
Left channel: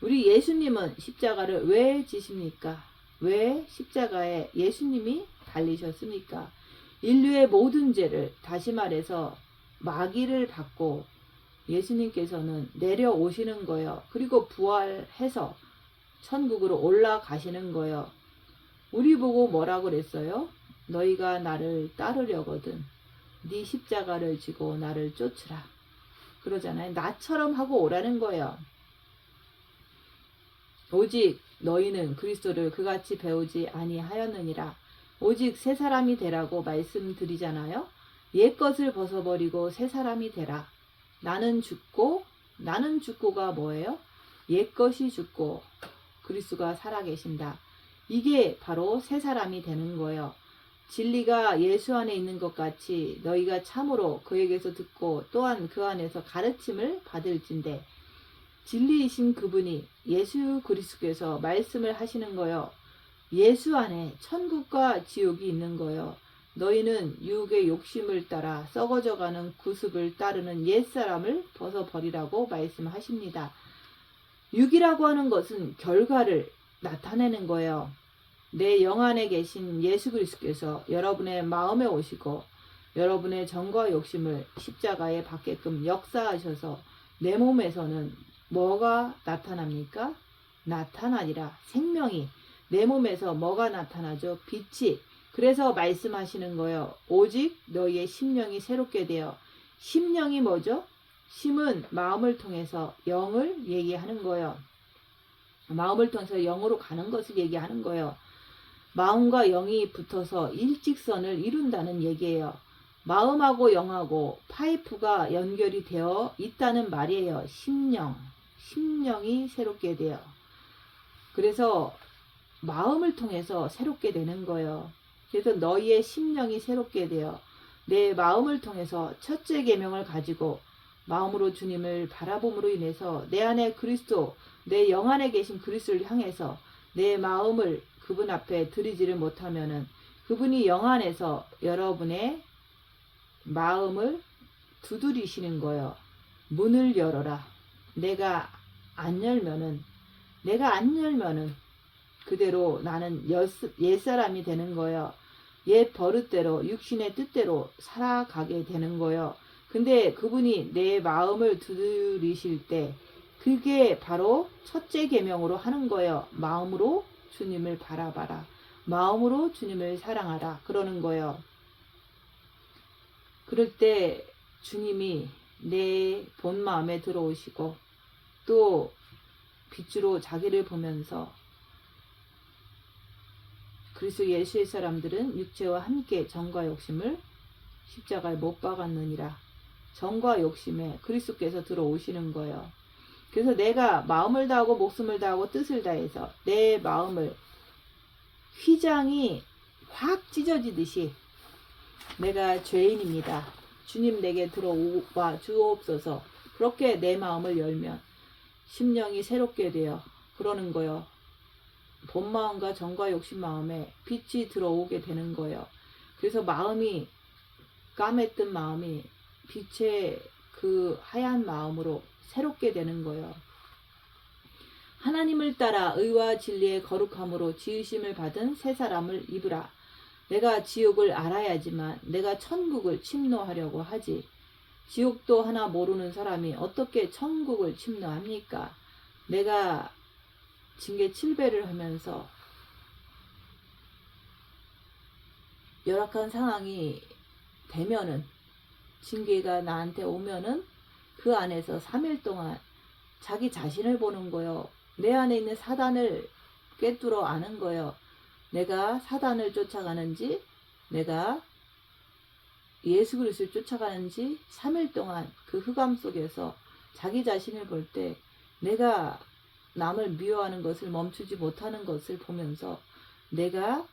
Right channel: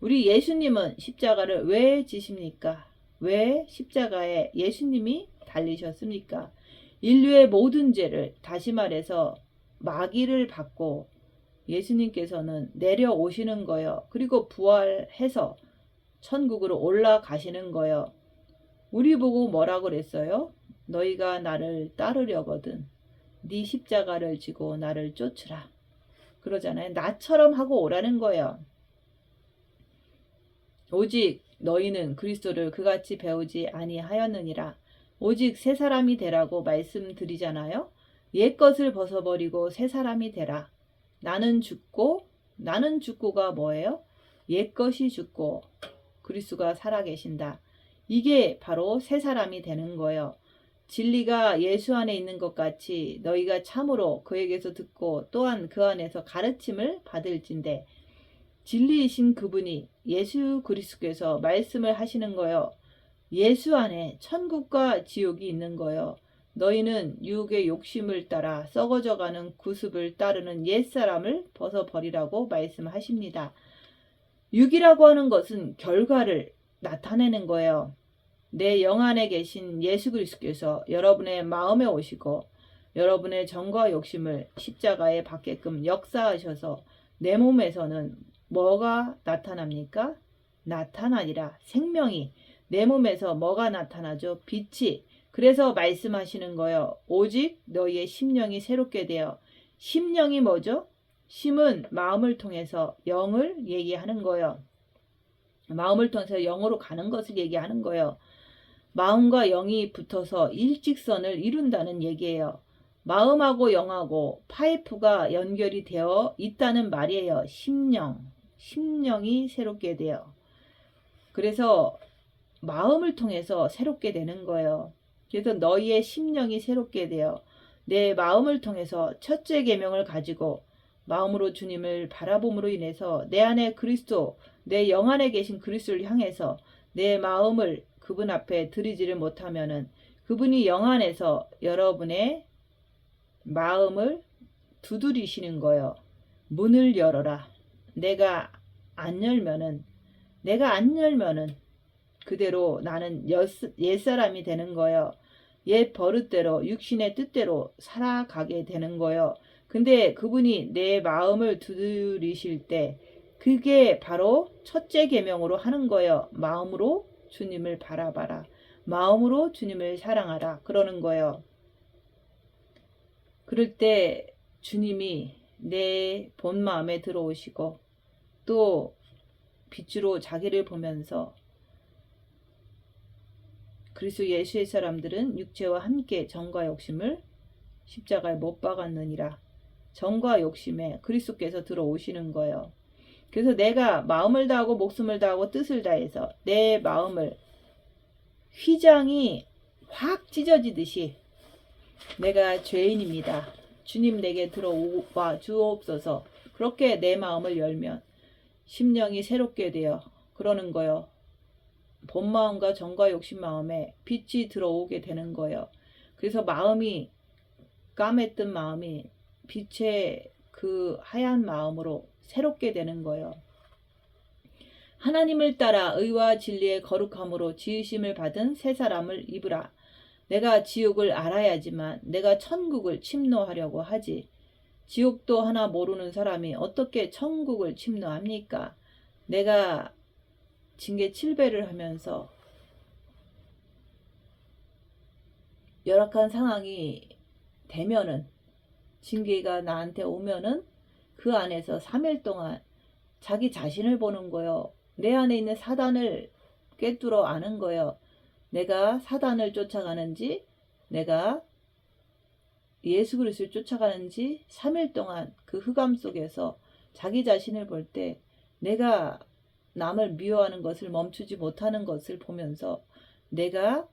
우리 예수님은 십자가를 왜 지십니까? 왜 십자가에 예수님이 달리셨습니까? 인류의 모든 죄를, 다시 말해서 마귀를 받고 예수님께서는 내려오시는 거예요. 그리고 부활해서 천국으로 올라가시는 거예요. 우리 보고 뭐라고 그랬어요? 너희가 나를 따르려거든 네 십자가를 지고 나를 쫓으라. 그러잖아요. 나처럼 하고 오라는 거예요. 오직 너희는 그리스도를 그같이 배우지 아니하였느니라. 오직 새 사람이 되라고 말씀드리잖아요. 옛 것을 벗어버리고 새 사람이 되라. 나는 죽고가 뭐예요? 옛 것이 죽고 그리스도가 살아계신다. 이게 바로 새 사람이 되는 거예요. 진리가 예수 안에 있는 것 같이 너희가 참으로 그에게서 듣고 또한 그 안에서 가르침을 받을진대. 진리이신 그분이 예수 그리스도께서 말씀을 하시는 거예요. 예수 안에 천국과 지옥이 있는 거예요. 너희는 유혹의 욕심을 따라 썩어져가는 구습을 따르는 옛사람을 벗어버리라고 말씀하십니다. 육이라고 하는 것은 결과를 나타내는 거예요. 내 영 안에 계신 예수 그리스도께서 여러분의 마음에 오시고 여러분의 정과 욕심을 십자가에 받게끔 역사하셔서 내 몸에서는 뭐가 나타납니까? 나타나니라. 생명이 내 몸에서 뭐가 나타나죠? 빛이. 그래서 말씀하시는 거예요. 오직 너희의 심령이 새롭게 되어. 심령이 뭐죠? 심은 마음을 통해서 영을 얘기하는 거예요. 마음을 통해서 영으로 가는 것을 얘기하는 거예요. 마음과 영이 붙어서 일직선을 이룬다는 얘기예요. 마음하고 영하고 파이프가 연결이 되어 있다는 말이에요. 심령이 새롭게 돼요. 그래서 마음을 통해서 새롭게 되는 거예요. 그래서 너희의 심령이 새롭게 되어 내 마음을 통해서 첫째 계명을 가지고 마음으로 주님을 바라봄으로 인해서 내 안에 그리스도, 내 영 안에 계신 그리스도를 향해서 내 마음을 그분 앞에 드리지를 못하면은 그분이 영 안에서 여러분의 마음을 두드리시는 거예요. 문을 열어라. 내가 안 열면은 그대로 나는 옛사람이 되는 거예요. 옛 버릇대로 육신의 뜻대로 살아가게 되는 거예요. 근데 그분이 내 마음을 두드리실 때 그게 바로 첫째 계명으로 하는 거예요. 마음으로 주님을 바라봐라. 마음으로 주님을 사랑하라. 그러는 거예요. 그럴 때 주님이 내 본 마음에 들어오시고 또 빛으로 자기를 보면서 그리스도 예수의 사람들은 육체와 함께 정과 욕심을 십자가에 못 박았느니라. 정과 욕심에 그리스도께서 들어오시는 거예요. 그래서 내가 마음을 다하고 목숨을 다하고 뜻을 다해서 내 마음을 휘장이 확 찢어지듯이 내가 죄인입니다. 주님 내게 들어와 주옵소서. 그렇게 내 마음을 열면 심령이 새롭게 되어 그러는 거예요. 본 마음과 정과 욕심 마음에 빛이 들어오게 되는 거예요. 그래서 마음이 까맸던 마음이 빛의 그 하얀 마음으로 새롭게 되는 거예요. 하나님을 따라 의와 진리의 거룩함으로 지으심을 받은 새 사람을 입으라. 내가 지옥을 알아야지만 내가 천국을 침노하려고 하지. 지옥도 하나 모르는 사람이 어떻게 천국을 침노합니까? 내가 징계 7배를 하면서 열악한 상황이 되면은 징계가 나한테 오면은 그 안에서 3일 동안 자기 자신을 보는 거예요. 내 안에 있는 사단을 꿰뚫어 아는 거예요. 내가 사단을 쫓아가는지 내가 예수 그리스도를 쫓아가는지 3일 동안 그 흑암 속에서 자기 자신을 볼 때 내가 남을 미워하는 것을 멈추지 못하는 것을 보면서 내가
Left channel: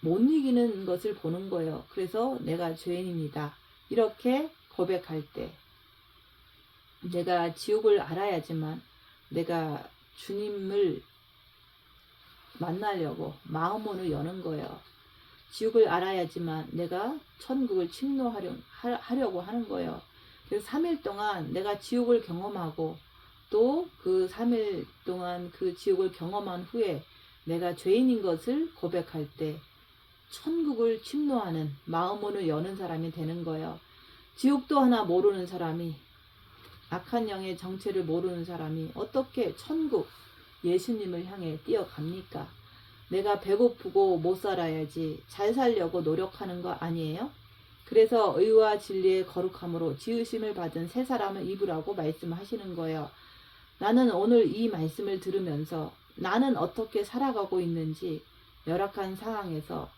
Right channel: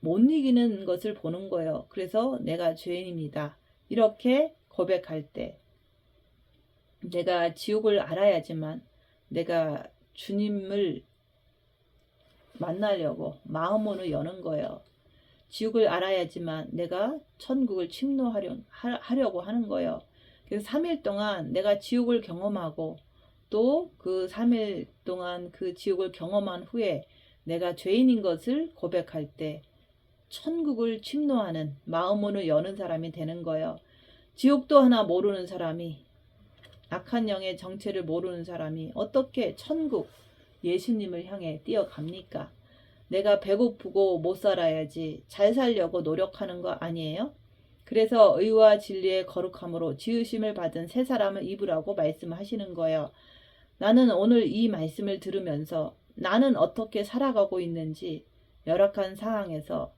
못 이기는 것을 보는 거예요. 그래서 내가 죄인입니다. 이렇게 고백할 때 내가 지옥을 알아야지만 내가 주님을 만나려고 마음문을 여는 거예요. 지옥을 알아야지만 내가 천국을 침노하려고 하는 거예요. 그래서 3일 동안 내가 지옥을 경험하고 또 그 3일 동안 그 지옥을 경험한 후에 내가 죄인인 것을 고백할 때 천국을 침노하는 마음문을 여는 사람이 되는 거예요. 지옥도 하나 모르는 사람이, 악한 영의 정체를 모르는 사람이 어떻게 천국 예수님을 향해 뛰어갑니까? 내가 배고프고 못 살아야지 잘 살려고 노력하는 거 아니에요? 그래서 의와 진리의 거룩함으로 지으심을 받은 새 사람을 입으라고 말씀하시는 거예요. 나는 오늘 이 말씀을 들으면서 나는 어떻게 살아가고 있는지 열악한 상황에서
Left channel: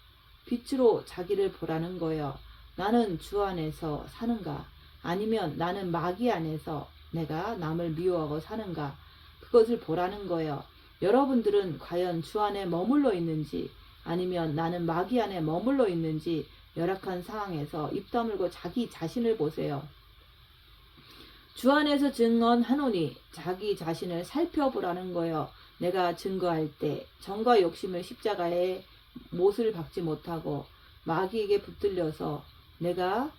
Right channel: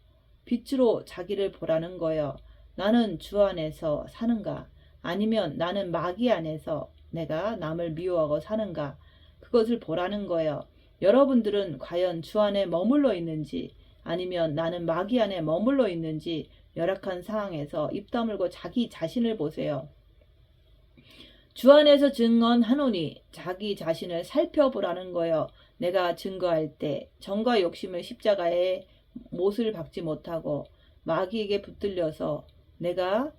빛으로 자기를 보라는 거예요. 나는 주 안에서 사는가? 아니면 나는 마귀 안에서 내가 남을 미워하고 사는가? 그것을 보라는 거예요. 여러분들은 과연 주 안에 머물러 있는지 아니면 나는 마귀 안에 머물러 있는지 열악한 상황에서 입 다물고 자기 자신을 보세요. 주 안에서 증언하노니 자기 자신을 살펴보라는 거예요. 내가 증거할 때 정과 욕심을 십자가에 못을 박지 못하고 마귀에게 붙들려서 내가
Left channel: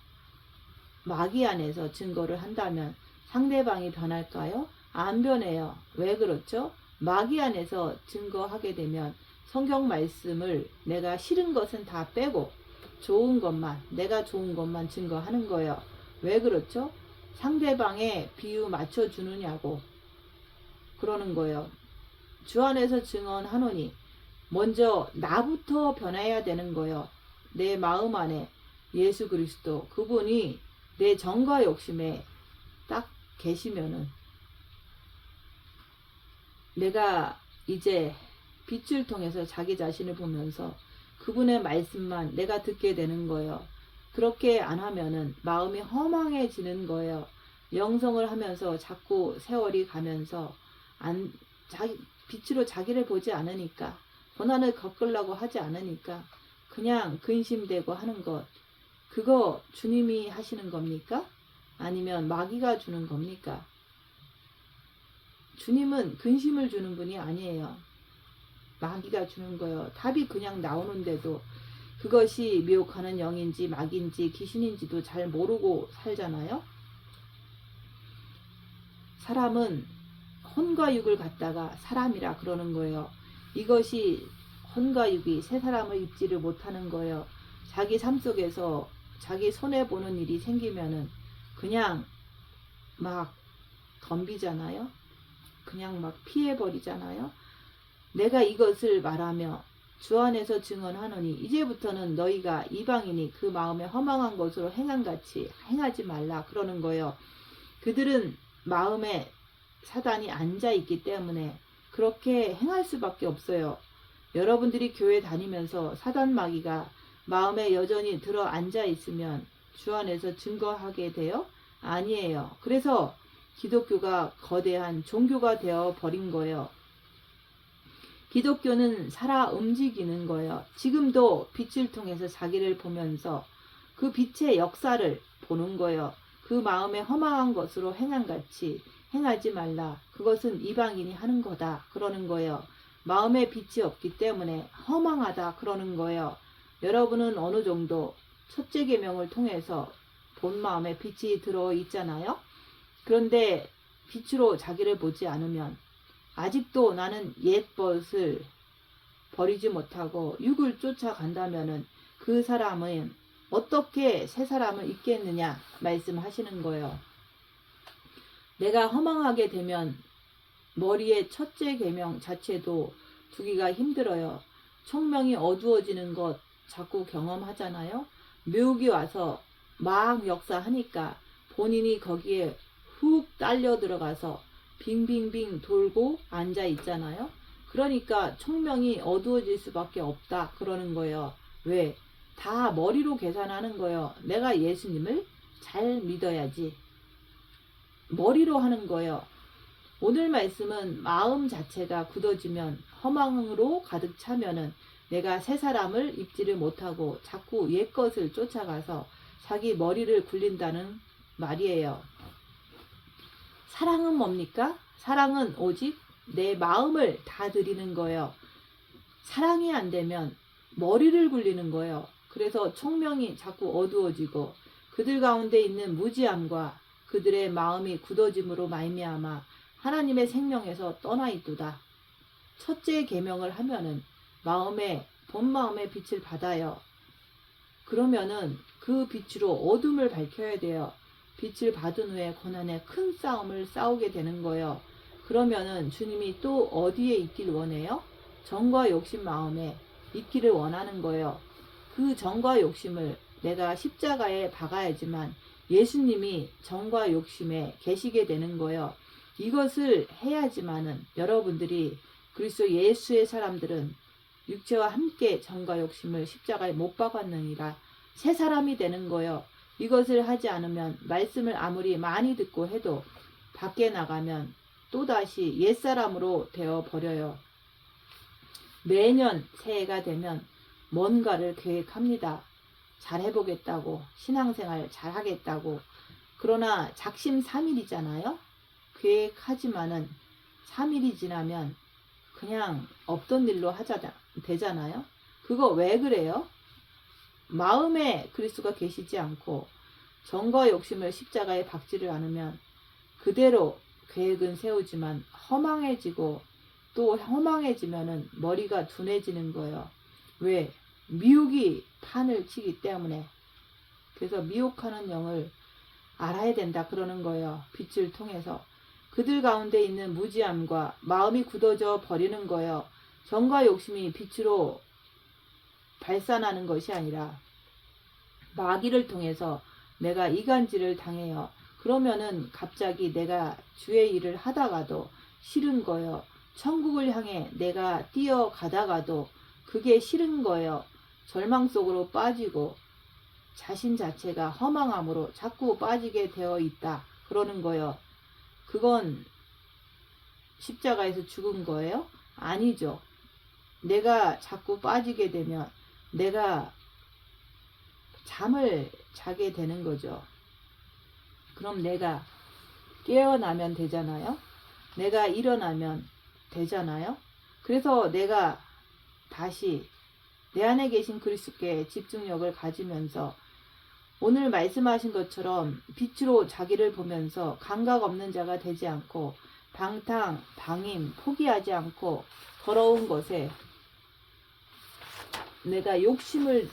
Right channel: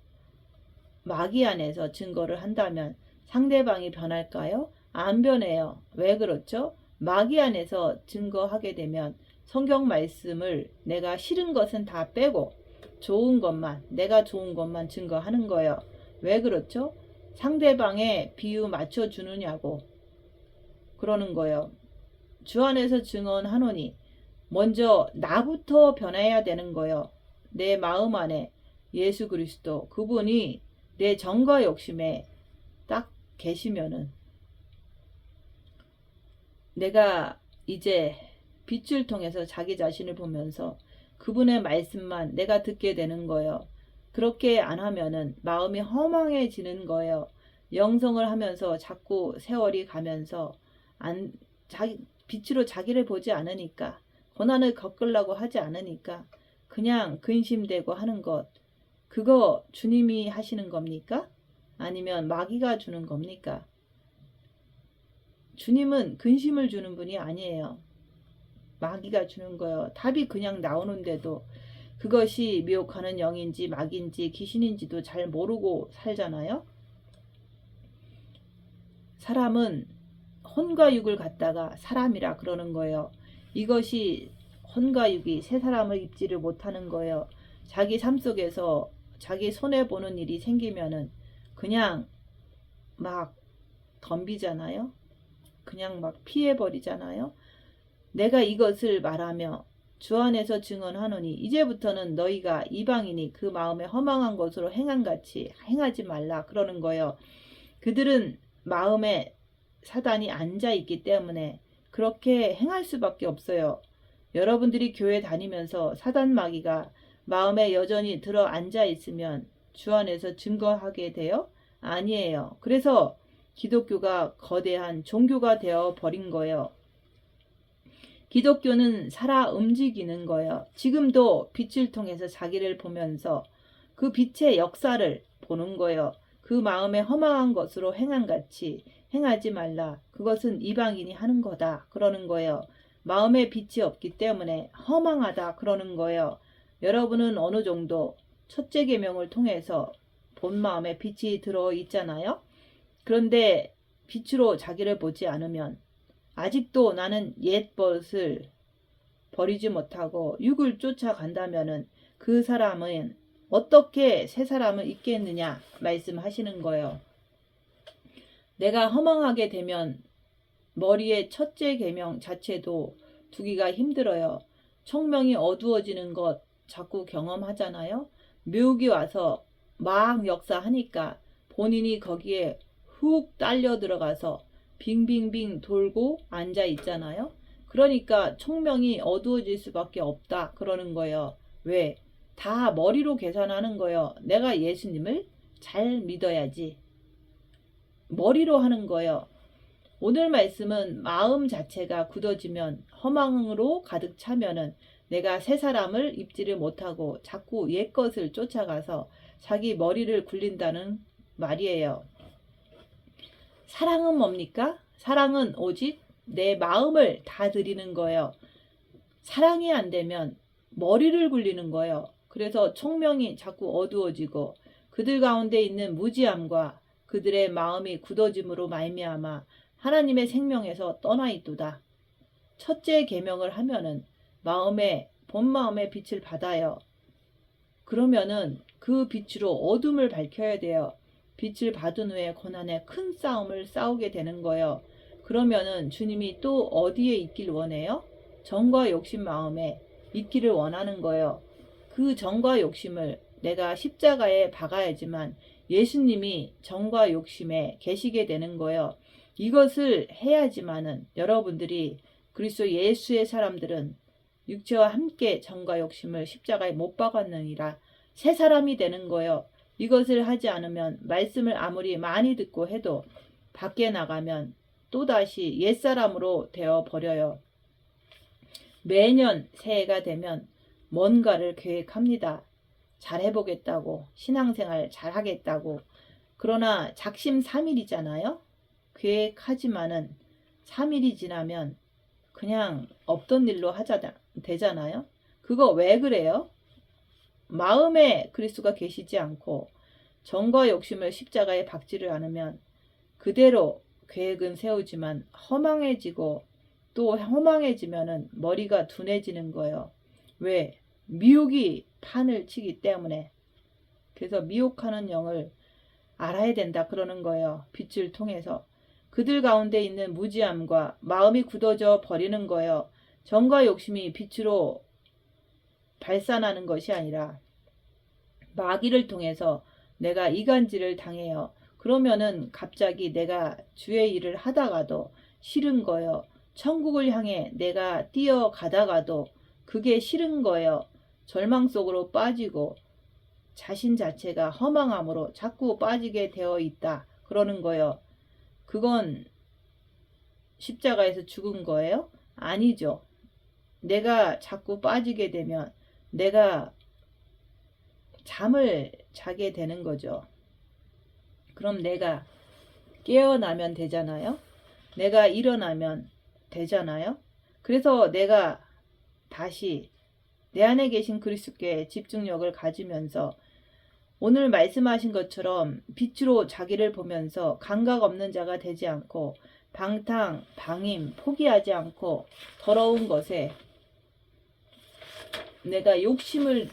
마귀 안에서 증거를 한다면 상대방이 변할까요? 안 변해요. 왜 그렇죠? 마귀 안에서 증거하게 되면 성경 말씀을 내가 싫은 것은 다 빼고 좋은 것만, 내가 좋은 것만 증거하는 거예요. 왜 그렇죠? 상대방의 비유 맞춰주느냐고 그러는 거예요. 주 안에서 증언하노니 먼저 나부터 변해야 되는 거예요. 내 마음 안에 예수 그리스도 그분이 내 정과 욕심에 딱 계시면은 내가 이제 빛을 통해서 자기 자신을 보면서 그분의 말씀만 내가 듣게 되는 거예요. 그렇게 안 하면은 마음이 허망해지는 거예요. 영성을 하면서 자꾸 세월이 가면서 빛으로 자기를 보지 않으니까 고난을 겪으려고 하지 않으니까 그냥 근심되고 하는 것, 그거 주님이 하시는 겁니까? 아니면 마귀가 주는 겁니까? 주님은 근심을 주는 분이 아니에요. 마귀가 주는 거예요. 답이 그냥 나오는데도 그것이 미혹하는 영인지 마귀인지 귀신인지도 잘 모르고 살잖아요. 사람은 혼과 육을 갖다가 사람이라 그러는 거예요. 이것이 혼과 육이 새 사람을 입지를 못하는 거예요. 자기 삶 속에서 자기 손해보는 일이 생기면은 그냥 막 덤비잖아요. 그냥 막 피해버리잖아요. 내가 이것을 말하며 주 안에서 증언하노니 이제부터는 너희가 이방인이 그 마음에 허망한 것으로 행한같이 행하지 말라 그러는 거예요. 그들은 마음에 사단이 앉아있기 때문에 그렇게 행할 수밖에 없어요. 여러분들이 교회 다니면서 사단 마귀가 마음에 여전히 들어 앉아있으면 주 안에서 증거하게 돼요? 아니에요. 그래서 기독교가 거대한 종교가 되어 버린 거예요. 기독교는 살아 움직이는 거예요. 지금도 빛을 통해서 자기를 보면서 그 빛의 역사를 보는 거예요. 그 마음에 허망한 것으로 행한같이 행하지 말라. 그것은 이방인이 하는 거다. 그러는 거예요. 마음에 빛이 없기 때문에 허망하다. 그러는 거예요. 여러분은 어느 정도 첫째 계명을 통해서 본 마음에 빛이 들어 있잖아요. 그런데 빛으로 자기를 보지 않으면 아직도 나는 옛 벗을 버리지 못하고 육을 쫓아간다면은 그 사람은 어떻게 새 사람을 입겠느냐 말씀하시는 거예요. 내가 허망하게 되면 머리의 첫째 계명 자체도 두기가 힘들어요. 총명이 어두워지는 것 자꾸 경험하잖아요. 묘기 와서 막 역사하니까 본인이 거기에 훅 딸려 들어가서 빙빙빙 돌고 앉아 있잖아요. 그러니까 총명이 어두워질 수밖에 없다 그러는 거예요. 왜? 다 머리로 계산하는 거예요. 내가 예수님을 잘 믿어야지. 머리로 하는 거예요. 오늘 말씀은 마음 자체가 굳어지면 허망으로 가득 차면은 내가 새 사람을 입지를 못하고 자꾸 옛 것을 쫓아가서 자기 머리를 굴린다는 말이에요. 사랑은 뭡니까? 사랑은 오직 내 마음을 다 드리는 거예요. 사랑이 안 되면 머리를 굴리는 거예요. 그래서 총명이 자꾸 어두워지고 그들 가운데 있는 무지함과 그들의 마음이 굳어짐으로 말미암아 하나님의 생명에서 떠나 있도다. 첫째 계명을 하면은 본 마음의 빛을 받아요. 그러면은 그 빛으로 어둠을 밝혀야 돼요. 빛을 받은 후에 고난의 큰 싸움을 싸우게 되는 거예요. 그러면은 주님이 또 어디에 있길 원해요? 정과 욕심 마음에 있기를 원하는 거예요. 그 정과 욕심을 내가 십자가에 박아야지만 예수님이 정과 욕심에 계시게 되는 거예요. 이것을 해야지만은 여러분들이 그리스도 예수의 사람들은 육체와 함께 정과 욕심을 십자가에 못 박았느니라 새 사람이 되는 거예요. 이것을 하지 않으면 말씀을 아무리 많이 듣고 해도 밖에 나가면 또다시 옛사람으로 되어 버려요. 매년 새해가 되면 뭔가를 계획합니다. 잘해보겠다고, 신앙생활 잘하겠다고. 그러나 작심삼일이잖아요. 계획하지만은 3일이 지나면 그냥 없던 일로 되잖아요. 그거 왜 그래요? 마음에 그리스도가 계시지 않고 정과 욕심을 십자가에 박지를 않으면 그대로 계획은 세우지만 허망해지고 또 허망해지면은 머리가 둔해지는 거예요. 왜? 미혹이 판을 치기 때문에. 그래서 미혹하는 영을 알아야 된다 그러는 거예요. 빛을 통해서. 그들 가운데 있는 무지함과 마음이 굳어져 버리는 거예요. 정과 욕심이 빛으로 발산하는 것이 아니라 마귀를 통해서 내가 이간질을 당해요. 그러면은 갑자기 내가 주의 일을 하다가도 싫은 거예요. 천국을 향해 내가 뛰어가다가도 그게 싫은 거예요. 절망 속으로 빠지고 자신 자체가 허망함으로 자꾸 빠지게 되어 있다. 그러는 거예요. 그건 십자가에서 죽은 거예요? 아니죠. 내가 자꾸 빠지게 되면 내가 잠을 자게 되는 거죠. 그럼 내가 깨어나면 되잖아요. 내가 일어나면 되잖아요. 그래서 내가 다시 내 안에 계신 그리스도께 집중력을 가지면서 오늘 말씀하신 것처럼 빛으로 자기를 보면서 감각 없는 자가 되지 않고 방임, 포기하지 않고 더러운 것에 내가 욕심을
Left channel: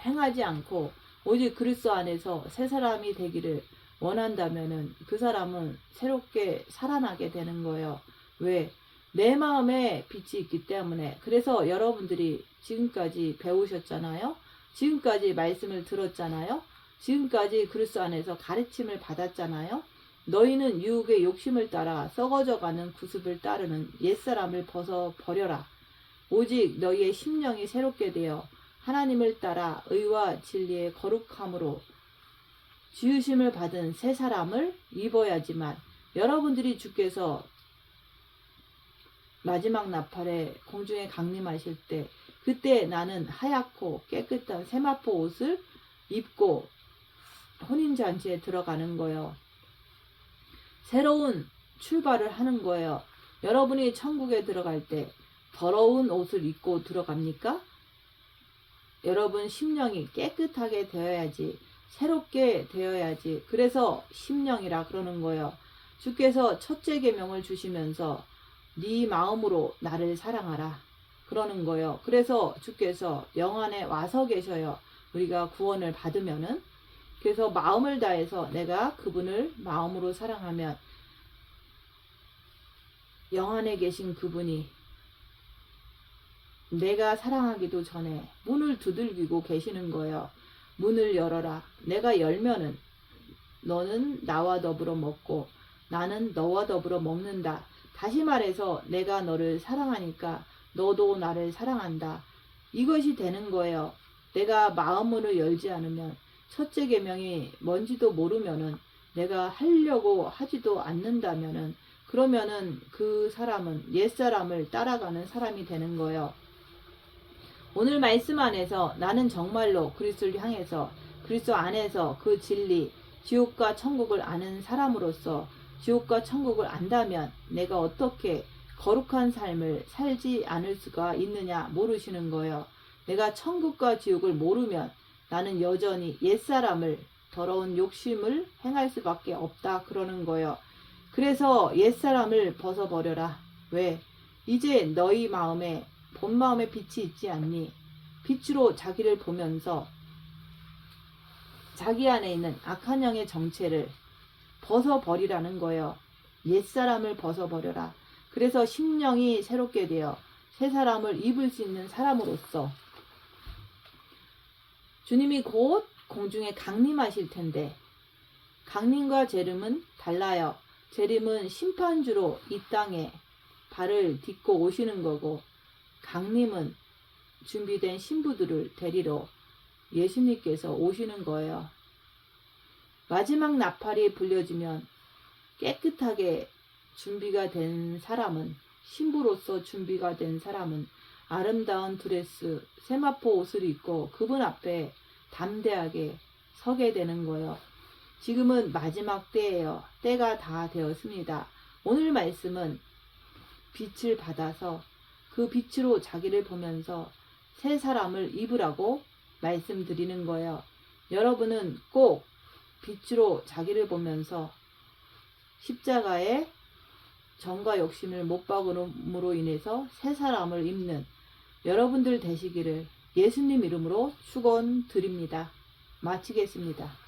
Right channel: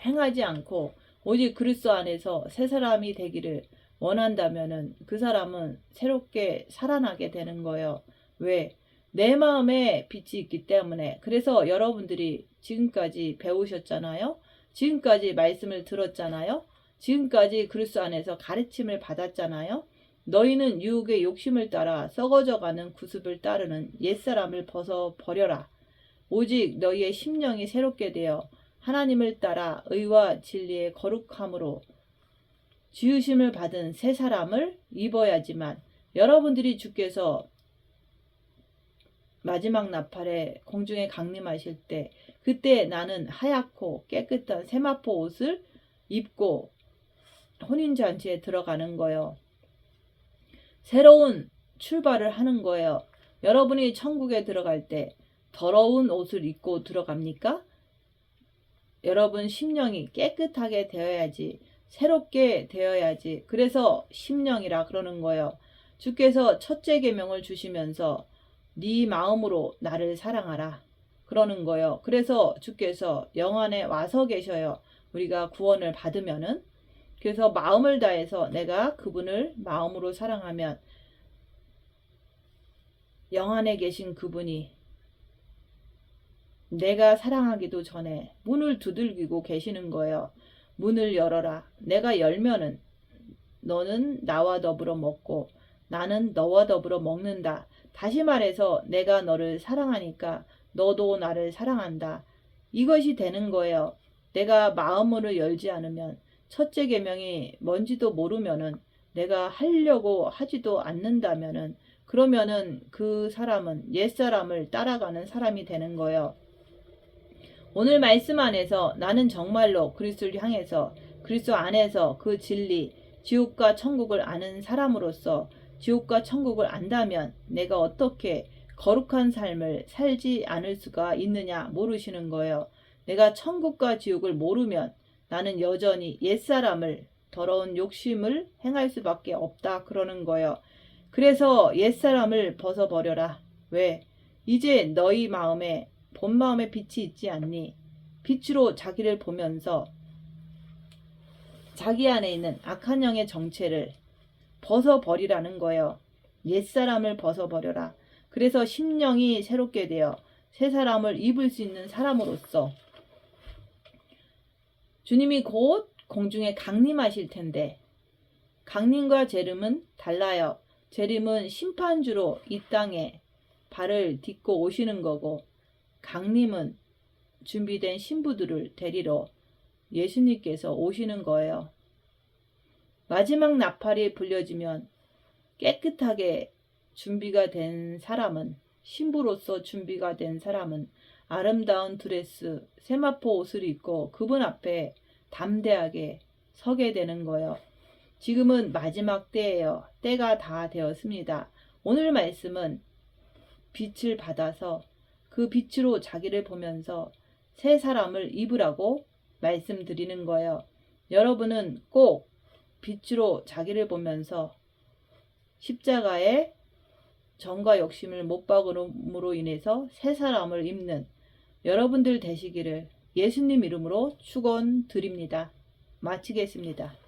행하지 않고 오직 그리스도 안에서 새 사람이 되기를 원한다면은 그 사람은 새롭게 살아나게 되는 거예요. 왜? 내 마음에 빛이 있기 때문에. 그래서 여러분들이 지금까지 배우셨잖아요. 지금까지 말씀을 들었잖아요. 지금까지 그리스도 안에서 가르침을 받았잖아요. 너희는 유혹의 욕심을 따라 썩어져가는 구습을 따르는 옛사람을 벗어버려라. 오직 너희의 심령이 새롭게 되어 하나님을 따라 의와 진리의 거룩함으로 지으심을 받은 새 사람을 입어야지만 여러분들이 주께서 마지막 나팔에 공중에 강림하실 때 그때 나는 하얗고 깨끗한 세마포 옷을 입고 혼인잔치에 들어가는 거예요. 새로운 출발을 하는 거예요. 여러분이 천국에 들어갈 때 더러운 옷을 입고 들어갑니까? 여러분 심령이 깨끗하게 되어야지, 새롭게 되어야지. 그래서 심령이라 그러는 거예요. 주께서 첫째 계명을 주시면서 네 마음으로 나를 사랑하라 그러는 거예요. 그래서 주께서 영안에 와서 계셔요. 우리가 구원을 받으면은. 그래서 마음을 다해서 내가 그분을 마음으로 사랑하면 영안에 계신 그분이 내가 사랑하기도 전에 문을 두들기고 계시는 거예요. 문을 열어라. 내가 열면은 너는 나와 더불어 먹고 나는 너와 더불어 먹는다. 다시 말해서 내가 너를 사랑하니까 너도 나를 사랑한다. 이것이 되는 거예요. 내가 마음으로 열지 않으면 첫째 계명이 뭔지도 모르면은 내가 하려고 하지도 않는다면은 그러면은 그 사람은 옛사람을 따라가는 사람이 되는 거예요. 오늘 말씀 안에서 나는 정말로 그리스도를 향해서 그리스도 안에서 그 진리, 지옥과 천국을 아는 사람으로서 지옥과 천국을 안다면 내가 어떻게 거룩한 삶을 살지 않을 수가 있느냐 모르시는 거예요. 내가 천국과 지옥을 모르면 나는 여전히 옛사람을 더러운 욕심을 행할 수밖에 없다 그러는 거예요. 그래서 옛사람을 벗어버려라. 왜? 이제 너희 마음에 본 마음에 빛이 있지 않니? 빛으로 자기를 보면서 자기 안에 있는 악한 영의 정체를 벗어버리라는 거예요. 옛사람을 벗어버려라. 그래서 심령이 새롭게 되어 새 사람을 입을 수 있는 사람으로서 주님이 곧 공중에 강림하실 텐데 강림과 재림은 달라요. 재림은 심판주로 이 땅에 발을 딛고 오시는 거고 강림은 준비된 신부들을 데리러 예수님께서 오시는 거예요. 마지막 나팔이 불려지면 깨끗하게 준비가 된 사람은 신부로서 준비가 된 사람은 아름다운 드레스 세마포 옷을 입고 그분 앞에 담대하게 서게 되는 거예요. 지금은 마지막 때예요. 때가 다 되었습니다. 오늘 말씀은 빛을 받아서 그 빛으로 자기를 보면서 새 사람을 입으라고 말씀드리는 거예요. 여러분은 꼭 빛으로 자기를 보면서 십자가에 정과 욕심을 못 박음으로 인해서 새 사람을 입는 여러분들 되시기를 예수님 이름으로 축원드립니다. 마치겠습니다.